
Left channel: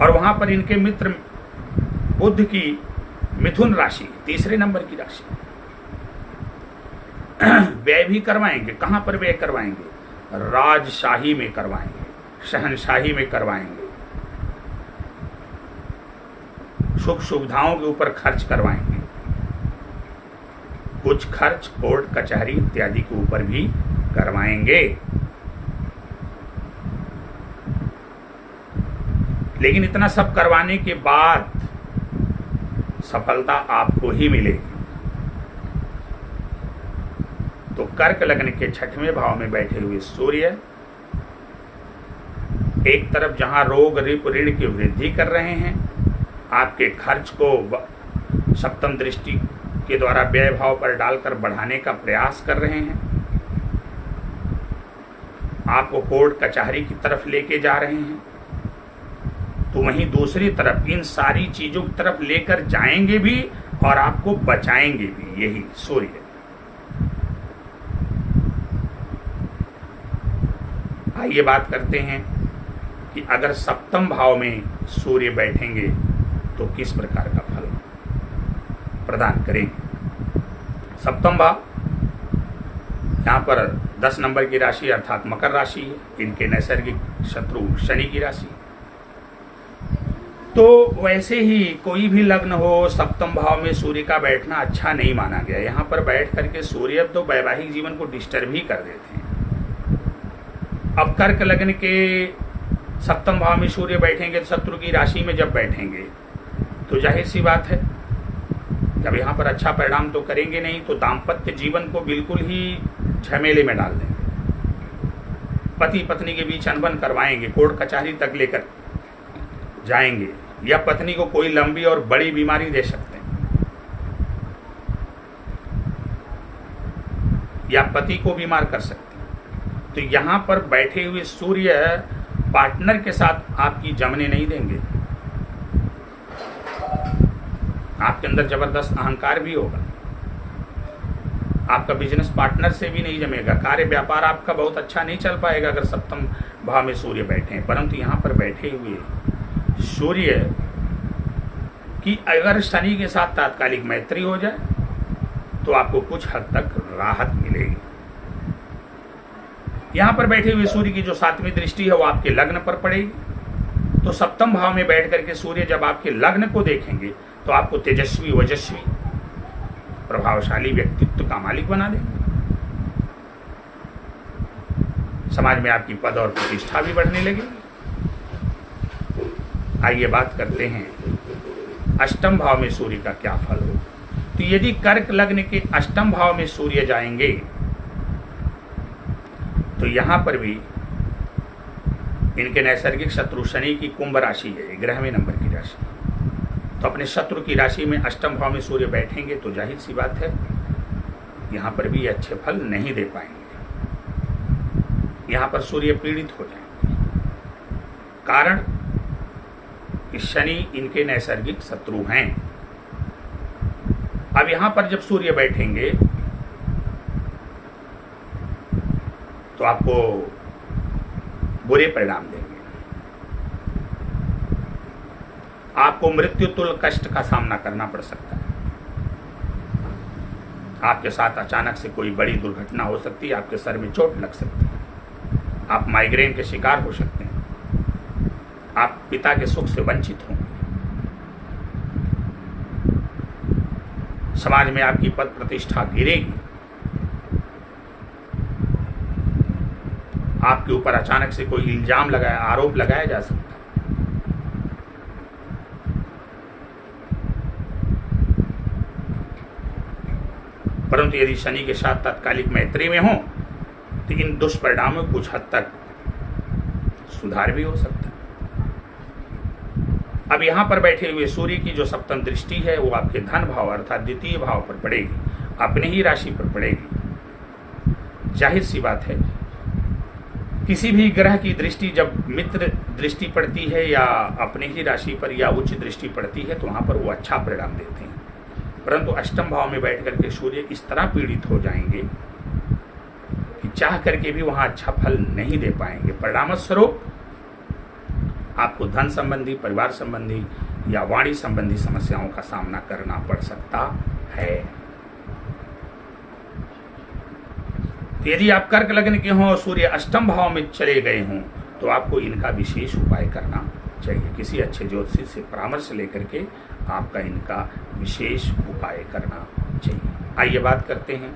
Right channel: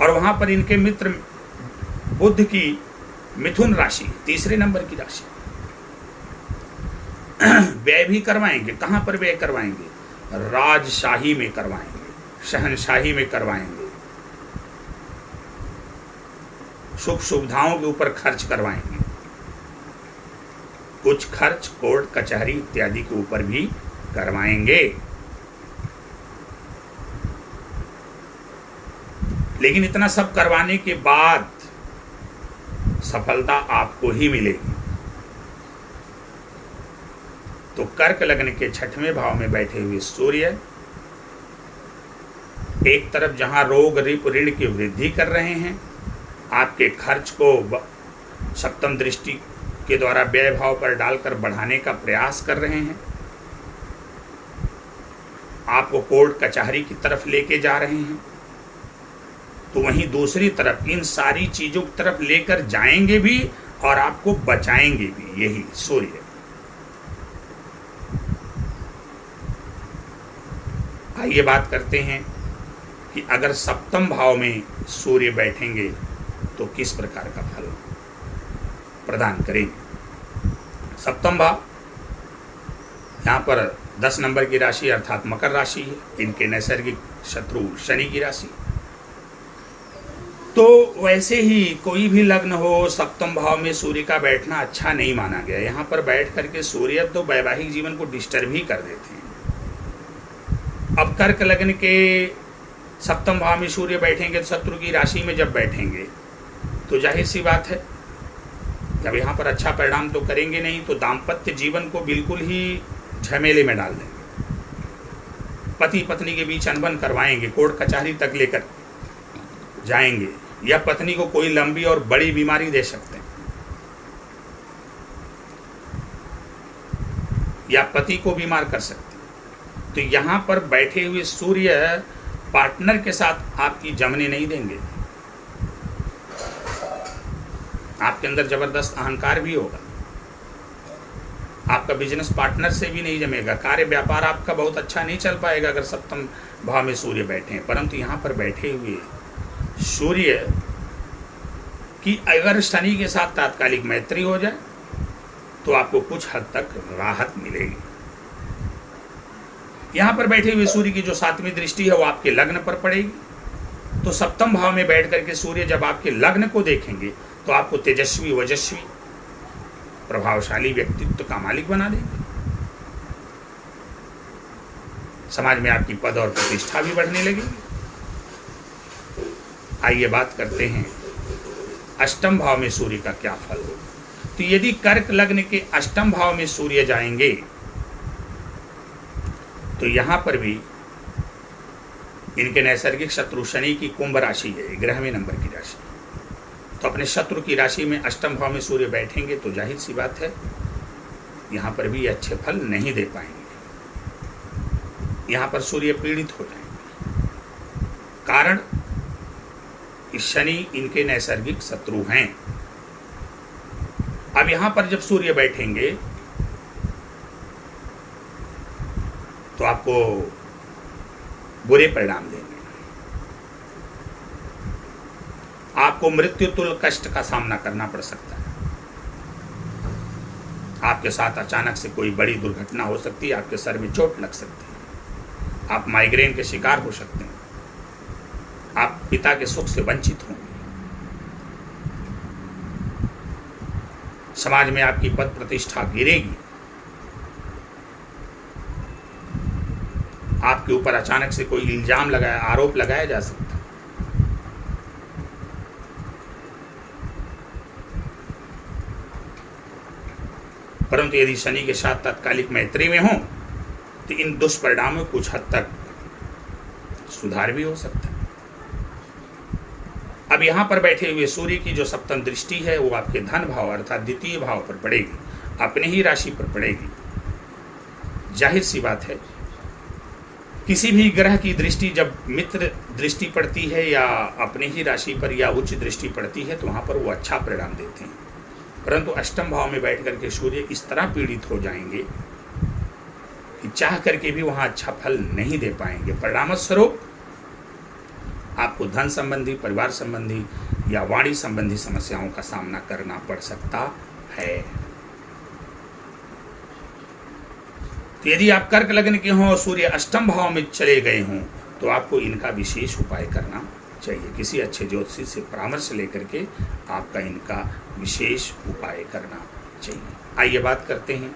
और वहां पर इनके मित्र बुध की मिथुन राशि 3रे नंबर की राशि, व्यय भी करवाएंगे। कहाँ पर व्यय करवाएंगे? राजशाही में करवाएंगे, शहनशाही में करवाएंगे, सुख सुविधाओं के ऊपर खर्च करवाएंगे। कुछ खर्च कोर्ट कचहरी इत्यादि के ऊपर भी करवाएंगे। लेकिन इतना सब करवाने के बाद सफलता आपको ही मिलेगी। तो कर्क लग्न के 6वें भाव में बैठे हुए सूर्य एक तरफ जहां रोग रिप ऋण की वृद्धि कर रहे हैं, आपके खर्च को सप्तम दृष्टि के द्वारा व्यय भाव पर डालकर बढ़ाने का प्रयास कर रहे हैं, आपको कोर्ट कचहरी की तरफ लेके जा रहे हैं, तो वहीं दूसरी तरफ इन सारी चीजों की तरफ लेकर जाएंगे भी और आपको बचाएंगे भी यही सूर्य। आइए बात करते हैं कि अगर सप्तम भाव में सूर्य बैठेंगे तो किस प्रकार का फल प्रदान करेंगे। सप्तम भाव यहाँ पर 10 नंबर की राशि अर्थात मकर राशि है, इनके नैसर्गिक शत्रु शनि की राशि। तो वैसे ही कोई भी लग्न हो, सप्तम भाव में सूर्य का बैठना अच्छा नहीं माना गया। यहाँ पर बैठ करके सूर्य तो वैवाहिक जीवन को डिस्टर्ब ही कर देते हैं। अब कर्क लग्न के सप्तम भाव में सूर्य बैठेंगे तो शत्रु की राशि में जब बैठेंगे तो जाहिर सी बात है जब यहाँ पर अच्छा परिणाम तो करेंगे नहीं, तो दाम्पत्य जीवन को बिल्कुल ही झमेले में डाल देंगे। पति पत्नी के बीच अनबन करवाएंगे, कोर्ट कचहरी तक लेकर जाएंगे, या पत्नी को कोई लंबी और बड़ी बीमारी दे सकते हैं, या पति को बीमार कर सकते हैं। तो यहाँ पर बैठे हुए सूर्य पार्टनर के साथ आपकी जमने नहीं देंगे। आपके अंदर जबरदस्त अहंकार भी होगा, आपका बिजनेस पार्टनर से भी नहीं जमेगा, कार्य व्यापार आपका बहुत अच्छा नहीं चल पाएगा अगर सप्तम भाव में सूर्य बैठे हैं। परंतु यहाँ पर बैठे हुए सूर्य की अगर शनि के साथ तात्कालिक मैत्री हो जाए तो आपको कुछ हद तक राहत मिलेगी। यहाँ पर बैठे हुए सूर्य की जो 7वीं दृष्टि है वो आपके लग्न पर पड़ेगी। तो सप्तम भाव में बैठ करके सूर्य जब आपके लग्न को देखेंगे तो आपको तेजस्वी वजस्वी प्रभावशाली व्यक्तित्व का मालिक बना देंगे। समाज में आपकी पद और प्रतिष्ठा भी बढ़ने लगेगी। आइए बात करते हैं अष्टम भाव में सूर्य का क्या फल हो। तो यदि कर्क लग्न के अष्टम भाव में सूर्य जाएंगे तो यहां पर भी इनके नैसर्गिक शत्रु शनि की कुंभ राशि है, 11वें नंबर की राशि। तो अपने शत्रु की राशि में अष्टम भाव में सूर्य बैठेंगे तो जाहिर सी बात है यहां पर भी अच्छे फल नहीं दे पाएंगे। यहां पर सूर्य पीड़ित हो जाएंगे, कारण कि शनि इनके नैसर्गिक शत्रु हैं। अब यहां पर जब सूर्य बैठेंगे तो आपको बुरे परिणाम देंगे, आपको मृत्यु तुल्य कष्ट का सामना करना पड़ सकता है। आपके साथ अचानक से कोई बड़ी दुर्घटना हो सकती है, आपके सर में चोट लग सकती है, आप माइग्रेन के शिकार हो सकते हैं, आप पिता के सुख से वंचित होंगे, समाज में आपकी पद प्रतिष्ठा गिरेगी, आपके ऊपर अचानक से कोई इल्जाम लगाया, आरोप लगाया जा सकता है। परंतु यदि शनि के साथ तात्कालिक मैत्री में हो तो इन दुष्परिणामों में कुछ हद तक सुधार भी हो सकता है। अब यहां पर बैठे हुए सूर्य की जो सप्तम दृष्टि है वो आपके धन भाव अर्थात द्वितीय भाव पर पड़ेगी, अपने ही राशि पर पड़ेगी। जाहिर सी बात है किसी भी ग्रह की दृष्टि जब मित्र दृष्टि पड़ती है या अपने ही राशि पर या उच्च दृष्टि पड़ती है तो वहां पर वो अच्छा परिणाम देते हैं। परंतु अष्टम भाव में बैठ करके सूर्य इस तरह पीड़ित हो जाएंगे कि चाह करके भी वहां अच्छा फल नहीं दे पाएंगे। परिणाम स्वरूप आपको धन संबंधी, परिवार संबंधी या वाणी संबंधी समस्याओं का सामना करना पड़ सकता है। तो यदि आप कर्क लग्न के हों और सूर्य अष्टम भाव में चले गए हों तो आपको इनका विशेष उपाय करना चाहिए। किसी अच्छे ज्योतिषी से परामर्श लेकर के आपका इनका विशेष उपाय करना चाहिए। आइए बात करते हैं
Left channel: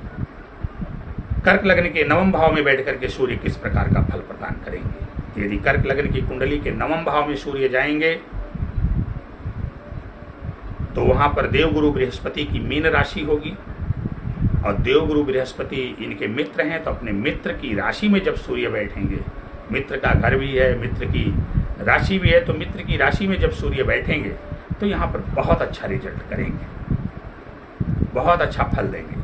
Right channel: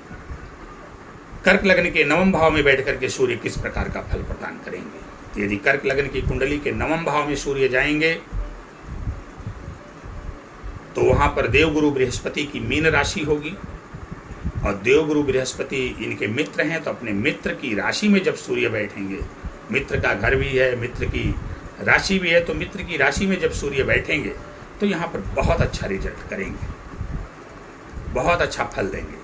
कर्क लग्न के नवम भाव में बैठ करके सूर्य किस प्रकार का फल प्रदान करेंगे। यदि कर्क लग्न की कुंडली के नवम भाव में सूर्य जाएंगे तो वहां पर देवगुरु बृहस्पति की मीन राशि होगी, और देवगुरु बृहस्पति इनके मित्र हैं, तो अपने मित्र की राशि में जब सूर्य बैठेंगे, मित्र का घर भी है, मित्र की राशि भी है, तो मित्र की राशि में जब सूर्य बैठेंगे तो यहाँ पर बहुत अच्छा रिजल्ट करेंगे, बहुत अच्छा फल देंगे,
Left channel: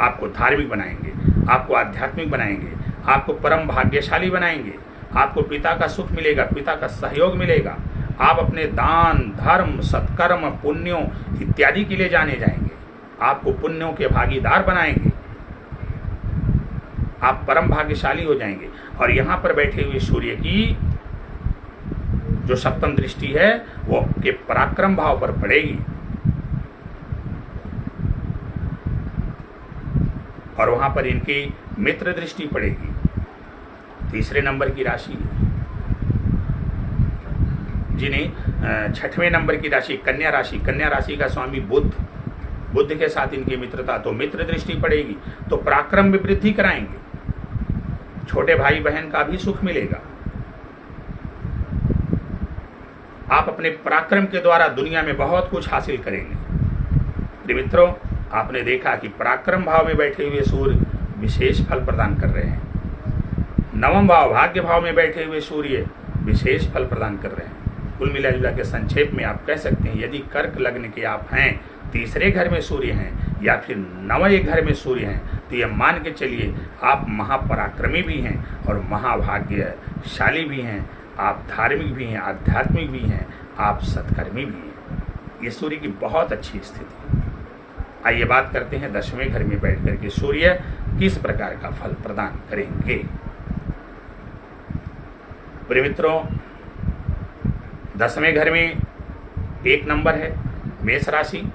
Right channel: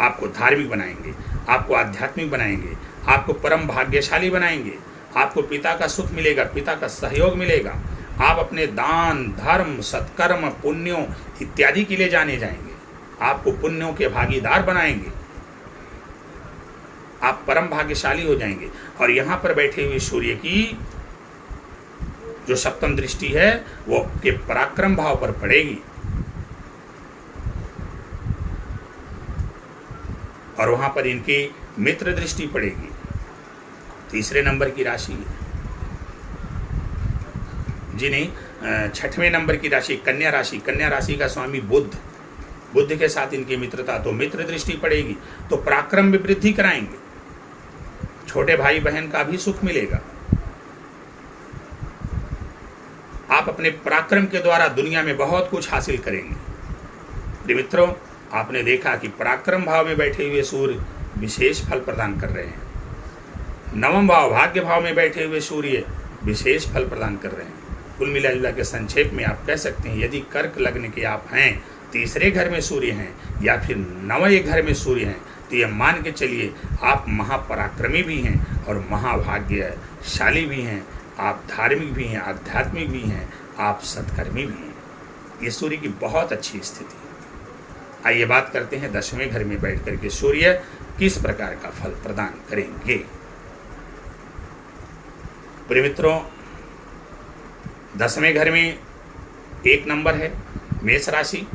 आपको धार्मिक बनाएंगे, आपको आध्यात्मिक बनाएंगे, आपको परम भाग्यशाली बनाएंगे, आपको पिता का सुख मिलेगा, पिता का सहयोग मिलेगा, आप अपने दान धर्म सत्कर्म पुण्यों इत्यादि के लिए जाने जाएंगे, आपको पुण्यों के भागीदार बनाएंगे, आप परम भाग्यशाली हो जाएंगे। और यहां पर बैठे हुए सूर्य की जो सप्तम दृष्टि है वो आपके पराक्रम भाव पर पड़ेगी, और वहां पर इनकी मित्र दृष्टि पड़ेगी, तीसरे नंबर की राशि है जी नहीं, छठवें नंबर की राशि कन्या राशि। कन्या राशि का स्वामी बुध के साथ इनकी मित्रता, तो मित्र दृष्टि पड़ेगी, तो पराक्रम में वृद्धि कराएंगे, छोटे भाई बहन का भी सुख मिलेगा, आप अपने पराक्रम के द्वारा दुनिया में बहुत कुछ हासिल करेंगे। प्रिय मित्रों, आपने देखा कि पराक्रम भाव में बैठे हुए सूर्य विशेष फल प्रदान कर रहे हैं, नवम भाव भाग्य भाव में बैठे हुए सूर्य विशेष फल प्रदान कर रहे हैं। कुल मिला जुला के संक्षेप में आप कह सकते हैं, यदि कर्क लग्न के आप हैं, तीसरे घर में सूर्य हैं या फिर नवे घर में सूर्य हैं, तो यह मान के चलिए आप महापराक्रमी भी हैं और महाभाग्यशाली भी हैं, आप धार्मिक भी हैं, आध्यात्मिक भी हैं, आप सत्कर्मी भी हैं। ये सूर्य की बहुत अच्छी स्थिति। आइए बात करते हैं 10वें घर में बैठ करके सूर्य किस प्रकार का फल प्रदान करेंगे। प्रिय मित्रों, 10वें घर में 1 नंबर है, मेष राशि,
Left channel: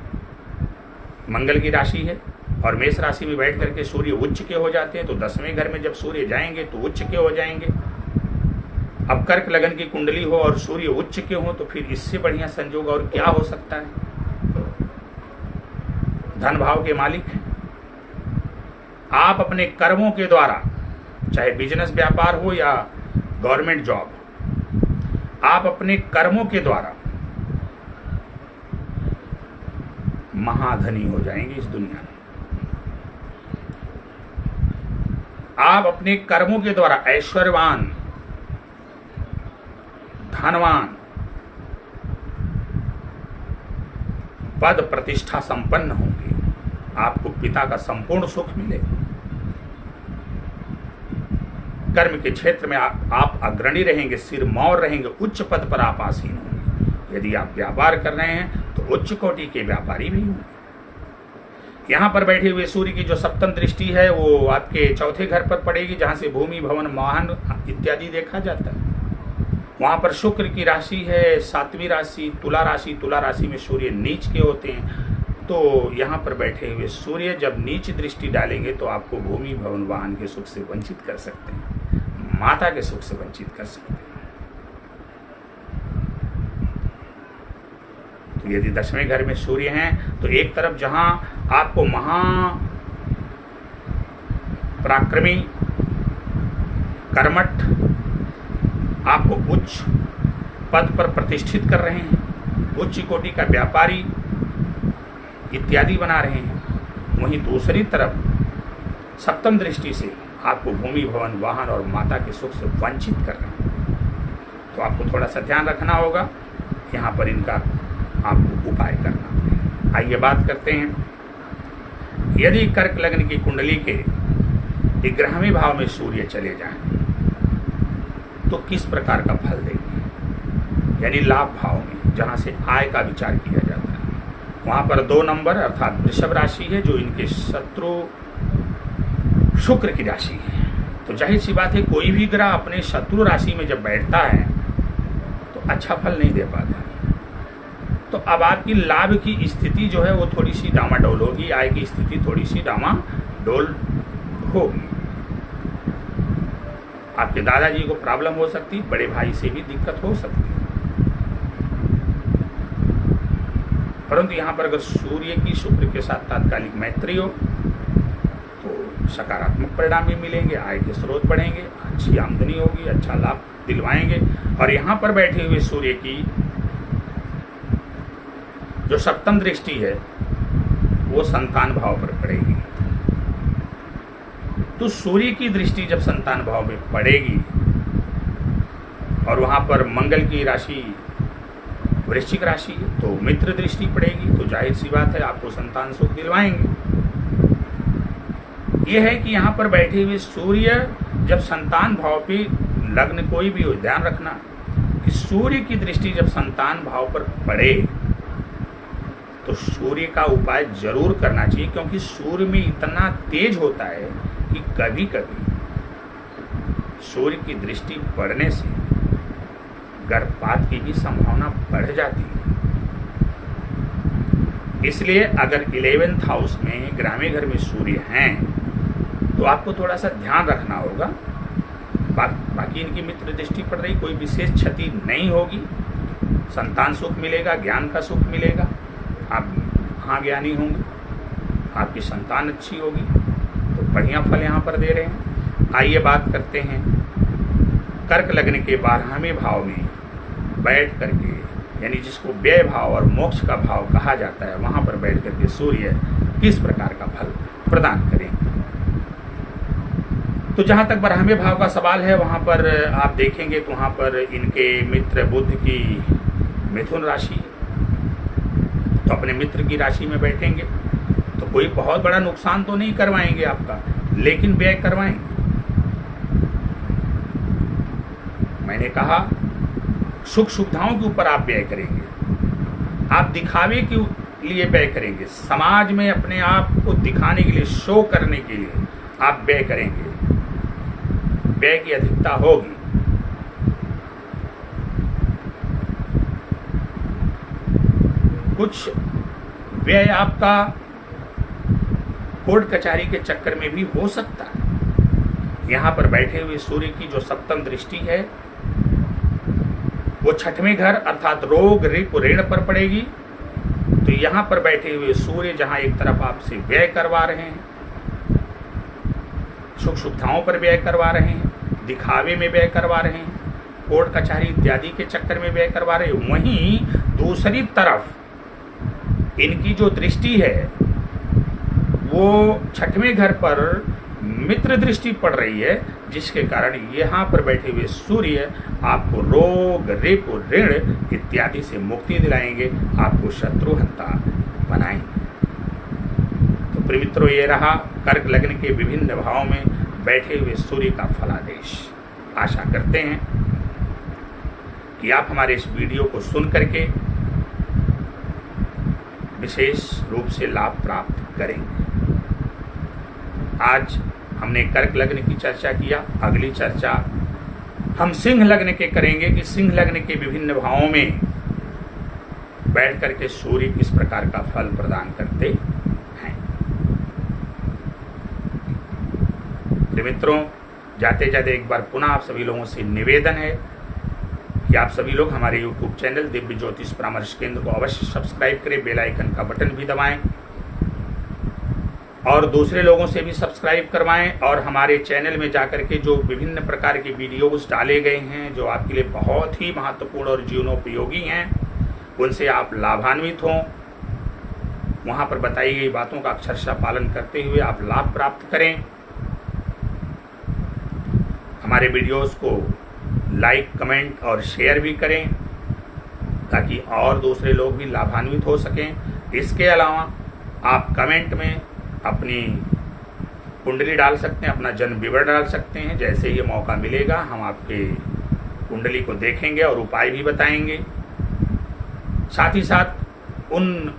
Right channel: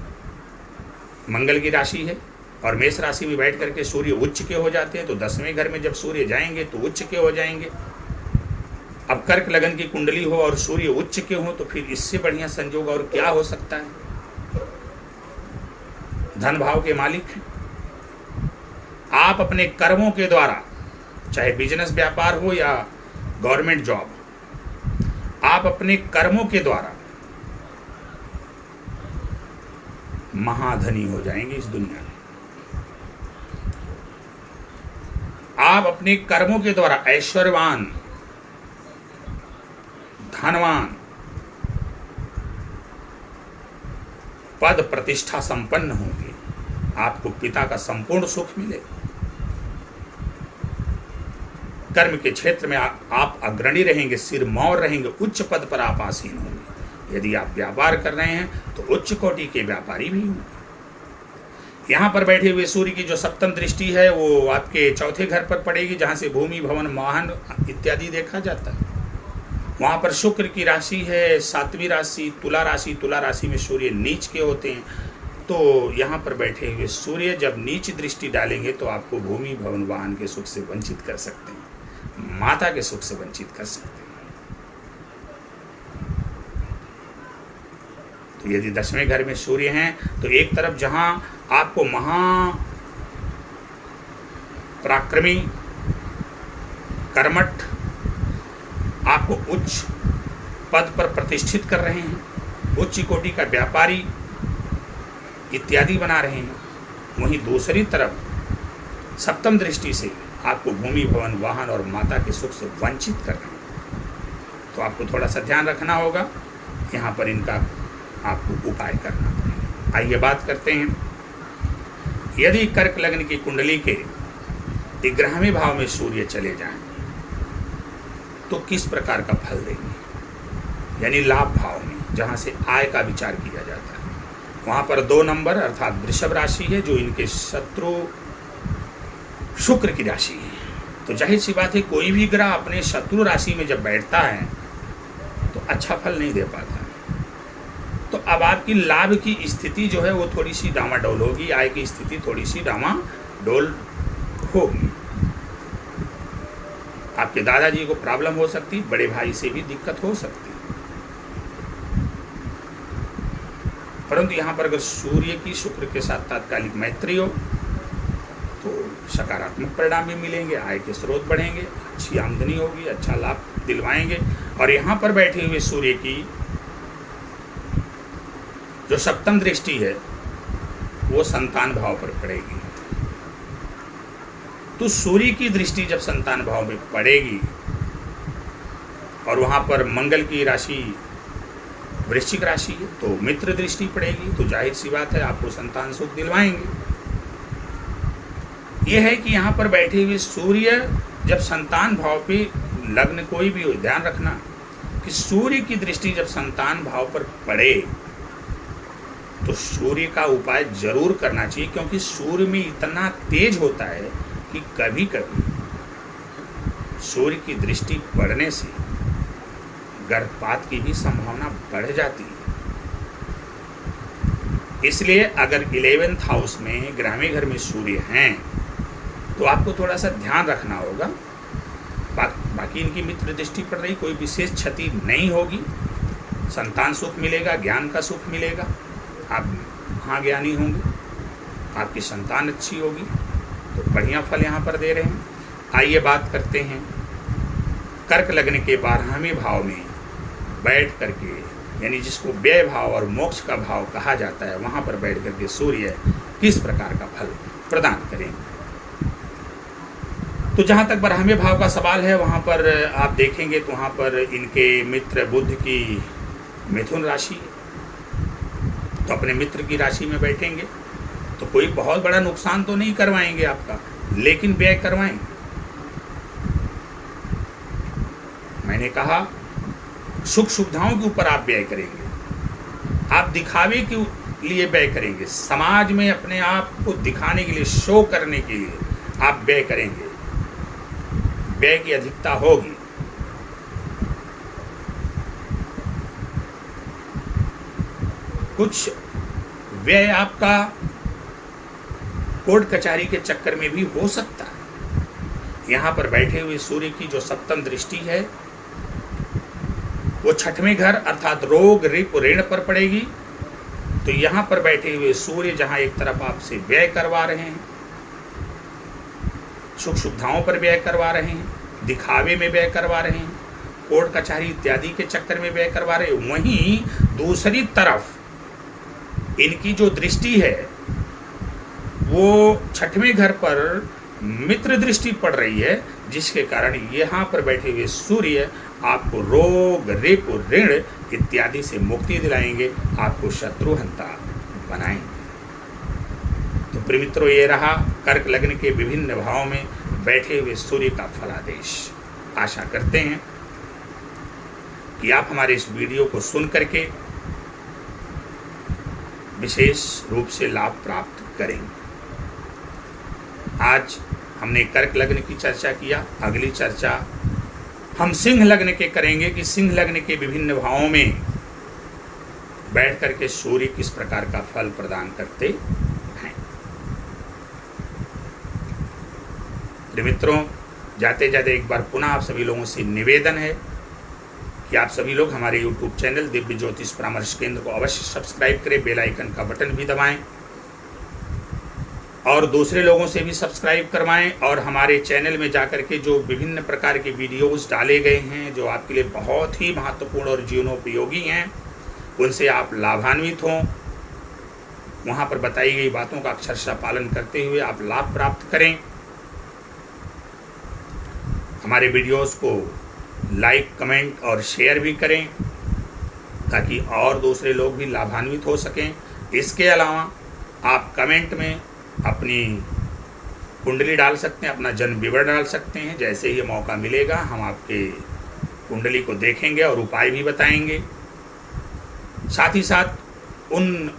मंगल की राशि है, और मेष राशि में बैठ करके सूर्य उच्च के हो जाते हैं, तो 10वें घर में जब सूर्य जाएंगे तो उच्च के हो जाएंगे। अब कर्क लगन की कुंडली हो और सूर्य उच्च के हो तो फिर इससे बढ़िया संयोग और क्या हो सकता है। धन भाव के मालिक हैं, आप अपने कर्मों के द्वारा, चाहे बिजनेस व्यापार हो या गवर्नमेंट जॉब, आप अपने कर्मों के द्वारा महाधनी हो जाएंगे इस दुनिया में। आप अपने कर्मों के द्वारा ऐश्वर्यवान, धनवान, पद प्रतिष्ठा संपन्न होंगे, आपको पिता का संपूर्ण सुख मिलेगा। कर्म के क्षेत्र में आप अग्रणी रहेंगे, सिरमौर रहेंगे, उच्च पद पर आप आसीन होंगे। यदि आप व्यापार कर रहे हैं तो उच्च कोटि के व्यापारी भी होंगे। यहाँ पर बैठे हुए सूर्य की जो सप्तम दृष्टि है वो आपके चौथे घर पर पड़ेगी, जहाँ से भूमि भवन वाहन इत्यादि देखा जाता है। वहाँ पर शुक्र की राशि है 7वीं राशि तुला राशि। तुला राशि में सूर्य नीच के होते हैं, तो यहाँ पर बैठे हुए सूर्य जब नीच दृष्टि डालेंगे तो आपको भूमि भवन वाहन के सुख से वंचित कर सकते हैं, माता के सुख से वंचित कर सकते हैं। तो यदि 10वें घर में सूर्य हैं तो एक तरफ जहां आपको महा पराक्रमी, कर्मठ, आपको उच्च पद पर प्रतिष्ठित कर रहे हैं, उच्च कोटि का व्यापारी इत्यादि बना रहे हैं, वहीं दूसरी तरफ सप्तम दृष्टि से आपको भूमि भवन वाहन और माता के सुख से वंचित कर रहे हैं। तो आपको थोड़ा सा ध्यान रखना होगा, यहाँ पर इनका आपको उपाय करना पड़ेगा। आइए बात करते हैं, यदि कर्क लग्न की कुंडली के 11वें भाव में सूर्य चले जाएं तो किस प्रकार का फल देंगे। यानी लाभ भाव में, जहाँ से आय का विचार किया जाता है, वहाँ पर 2 नंबर अर्थात वृषभ राशि है, जो इनके शत्रु शुक्र की राशि है। तो जाहिर सी बात है, कोई भी ग्रह अपने शत्रु राशि में जब बैठता है तो अच्छा फल नहीं दे पाता है। तो अब आपकी लाभ की स्थिति जो है वो थोड़ी सी डामाडोल होगी, आय की स्थिति थोड़ी सी डामाडोल होगी। आपके दादाजी को प्रॉब्लम हो सकती, बड़े भाई से भी दिक्कत हो सकती है। परंतु यहाँ पर अगर सूर्य की शुक्र के साथ तात्कालिक मैत्री हो तो सकारात्मक परिणाम भी मिलेंगे, आय के स्रोत बढ़ेंगे, अच्छी आमदनी होगी, अच्छा लाभ दिलवाएंगे। और यहाँ पर बैठे हुए सूर्य की जो सप्तम दृष्टि है वो संतान भाव पर पड़ेगी। तो सूर्य की दृष्टि जब संतान भाव में पड़ेगी और वहां पर मंगल की राशि वृश्चिक राशि है तो मित्र दृष्टि पड़ेगी, तो जाहिर सी बात है आपको संतान सुख दिलवाएंगे। यह है कि यहाँ पर बैठे हुए सूर्य जब संतान भाव पे लग्न कोई भी हो, ध्यान रखना कि सूर्य की दृष्टि जब संतान भाव पर पड़े तो सूर्य का उपाय जरूर करना चाहिए, क्योंकि सूर्य में इतना तेज होता है कि कभी कभी सूर्य की दृष्टि पड़ने से गर्भपात की भी संभावना बढ़ जाती है। इसलिए अगर 11th हाउस में ग्रामीण घर में सूर्य हैं तो आपको थोड़ा सा ध्यान रखना होगा। बाकी इनकी मित्र दृष्टि पड़ रही, कोई विशेष क्षति नहीं होगी, संतान सुख मिलेगा, ज्ञान का सुख मिलेगा, आप महाज्ञानी होंगे, आपकी संतान अच्छी होगी, तो बढ़िया फल यहाँ पर दे रहे हैं। आइए बात करते हैं कर्क लग्न के 12वें भाव में बैठ करके, यानी जिसको व्यय भाव और मोक्ष का भाव कहा जाता है, वहाँ पर बैठ करके सूर्य किस प्रकार का फल प्रदान करेंगे। तो जहाँ तक 12वें भाव का सवाल है वहाँ पर आप देखेंगे तो वहाँ पर इनके मित्र बुध की मिथुन राशि, तो अपने मित्र की राशि में बैठेंगे तो कोई बहुत बड़ा नुकसान तो नहीं करवाएंगे आपका, लेकिन व्यय करवाएंगे। मैंने कहा सुख सुविधाओं के ऊपर आप व्यय करेंगे, आप दिखावे के लिए व्यय करेंगे, समाज में अपने आप को दिखाने के लिए, शो करने के लिए आप व्यय करेंगे, व्यय की अधिकता होगी। कुछ व्यय आपका कोर्ट कचहरी के चक्कर में भी हो सकता है। यहां पर बैठे हुए सूर्य की जो सप्तम दृष्टि है वो 6वें घर अर्थात रोग रिप ऋण पर पड़ेगी। तो यहां पर बैठे हुए सूर्य जहां एक तरफ आपसे व्यय करवा रहे हैं, सुख सुविधाओं पर व्यय करवा रहे हैं, दिखावे में व्यय करवा रहे हैं, कोर्ट कचहरी इत्यादि के चक्कर में व्यय करवा रहे हैं, वहीं दूसरी तरफ इनकी जो दृष्टि है वो 6वें घर पर मित्र दृष्टि पड़ रही है, जिसके कारण यहाँ पर बैठे हुए सूर्य आपको रोग रिप ऋण इत्यादि से मुक्ति दिलाएंगे, आपको शत्रुहंता बनाएंगे। तो प्रिय मित्रों, ये रहा कर्क लग्न के विभिन्न भावों में बैठे हुए सूर्य का फलादेश। आशा करते हैं कि आप हमारे इस वीडियो को सुन करके विशेष रूप से लाभ प्राप्त करेंगे। आज हमने कर्क लग्न की चर्चा किया, अगली चर्चा हम सिंह लग्न के करेंगे कि सिंह लग्न के विभिन्न भावों में बैठ करके सूर्य किस प्रकार का फल प्रदान करते हैं। प्रिय मित्रों, जाते जाते एक बार पुनः आप सभी लोगों से निवेदन है कि आप सभी लोग हमारे YouTube चैनल दिव्य ज्योतिष परामर्श केंद्र को अवश्य सब्सक्राइब करें, बेल आइकन का बटन भी दबाएं और दूसरे लोगों से भी सब्सक्राइब करवाएं। और हमारे चैनल में जाकर के जो विभिन्न प्रकार के वीडियोस डाले गए हैं जो आपके लिए बहुत ही महत्वपूर्ण और जीवनोपयोगी हैं, उनसे आप लाभान्वित हों। वहाँ पर बताई गई बातों का अक्षरशः पालन करते हुए आप लाभ प्राप्त करें। हमारे वीडियोस को लाइक, कमेंट और शेयर भी करें ताकि और दूसरे लोग भी लाभान्वित हो सकें। इसके अलावा आप कमेंट में अपनी कुंडली डाल सकते हैं, अपना जन्म विवरण डाल सकते हैं। जैसे ही मौका मिलेगा हम आपके कुंडली को देखेंगे और उपाय भी बताएंगे। साथ ही साथ उन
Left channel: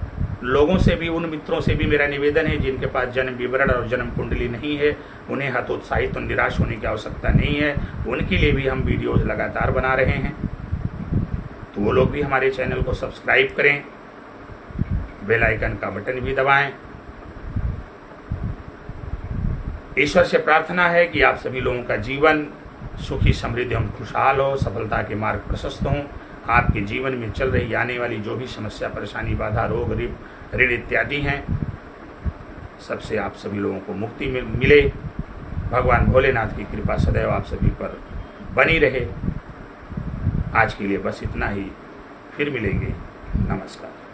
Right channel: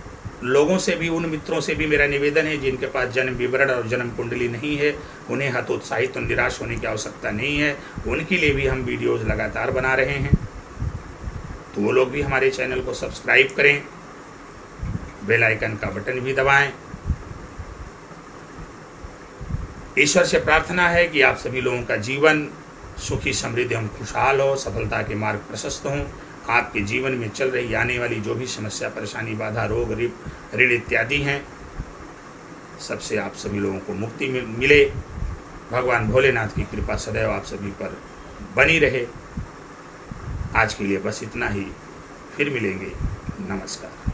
लोगों से भी, उन मित्रों से भी मेरा निवेदन है जिनके पास जन्म विवरण और जन्म कुंडली नहीं है, उन्हें हतोत्साहित और निराश होने की आवश्यकता नहीं है। उनके लिए भी हम वीडियोस लगातार बना रहे हैं, तो वो लोग भी हमारे चैनल को सब्सक्राइब करें, बेल आइकन का बटन भी दबाएं। ईश्वर से प्रार्थना है कि आप सभी लोगों का जीवन सुखी समृद्धि एवं खुशहाल हो, सफलता के मार्ग प्रशस्त हों। आपके जीवन में चल रही आने वाली जो भी समस्या, परेशानी, बाधा, रोग, ऋण इत्यादि हैं, सबसे आप सभी लोगों को मुक्ति मिले। भगवान भोलेनाथ की कृपा सदैव आप सभी पर बनी रहे। आज के लिए बस इतना ही, फिर मिलेंगे। नमस्कार।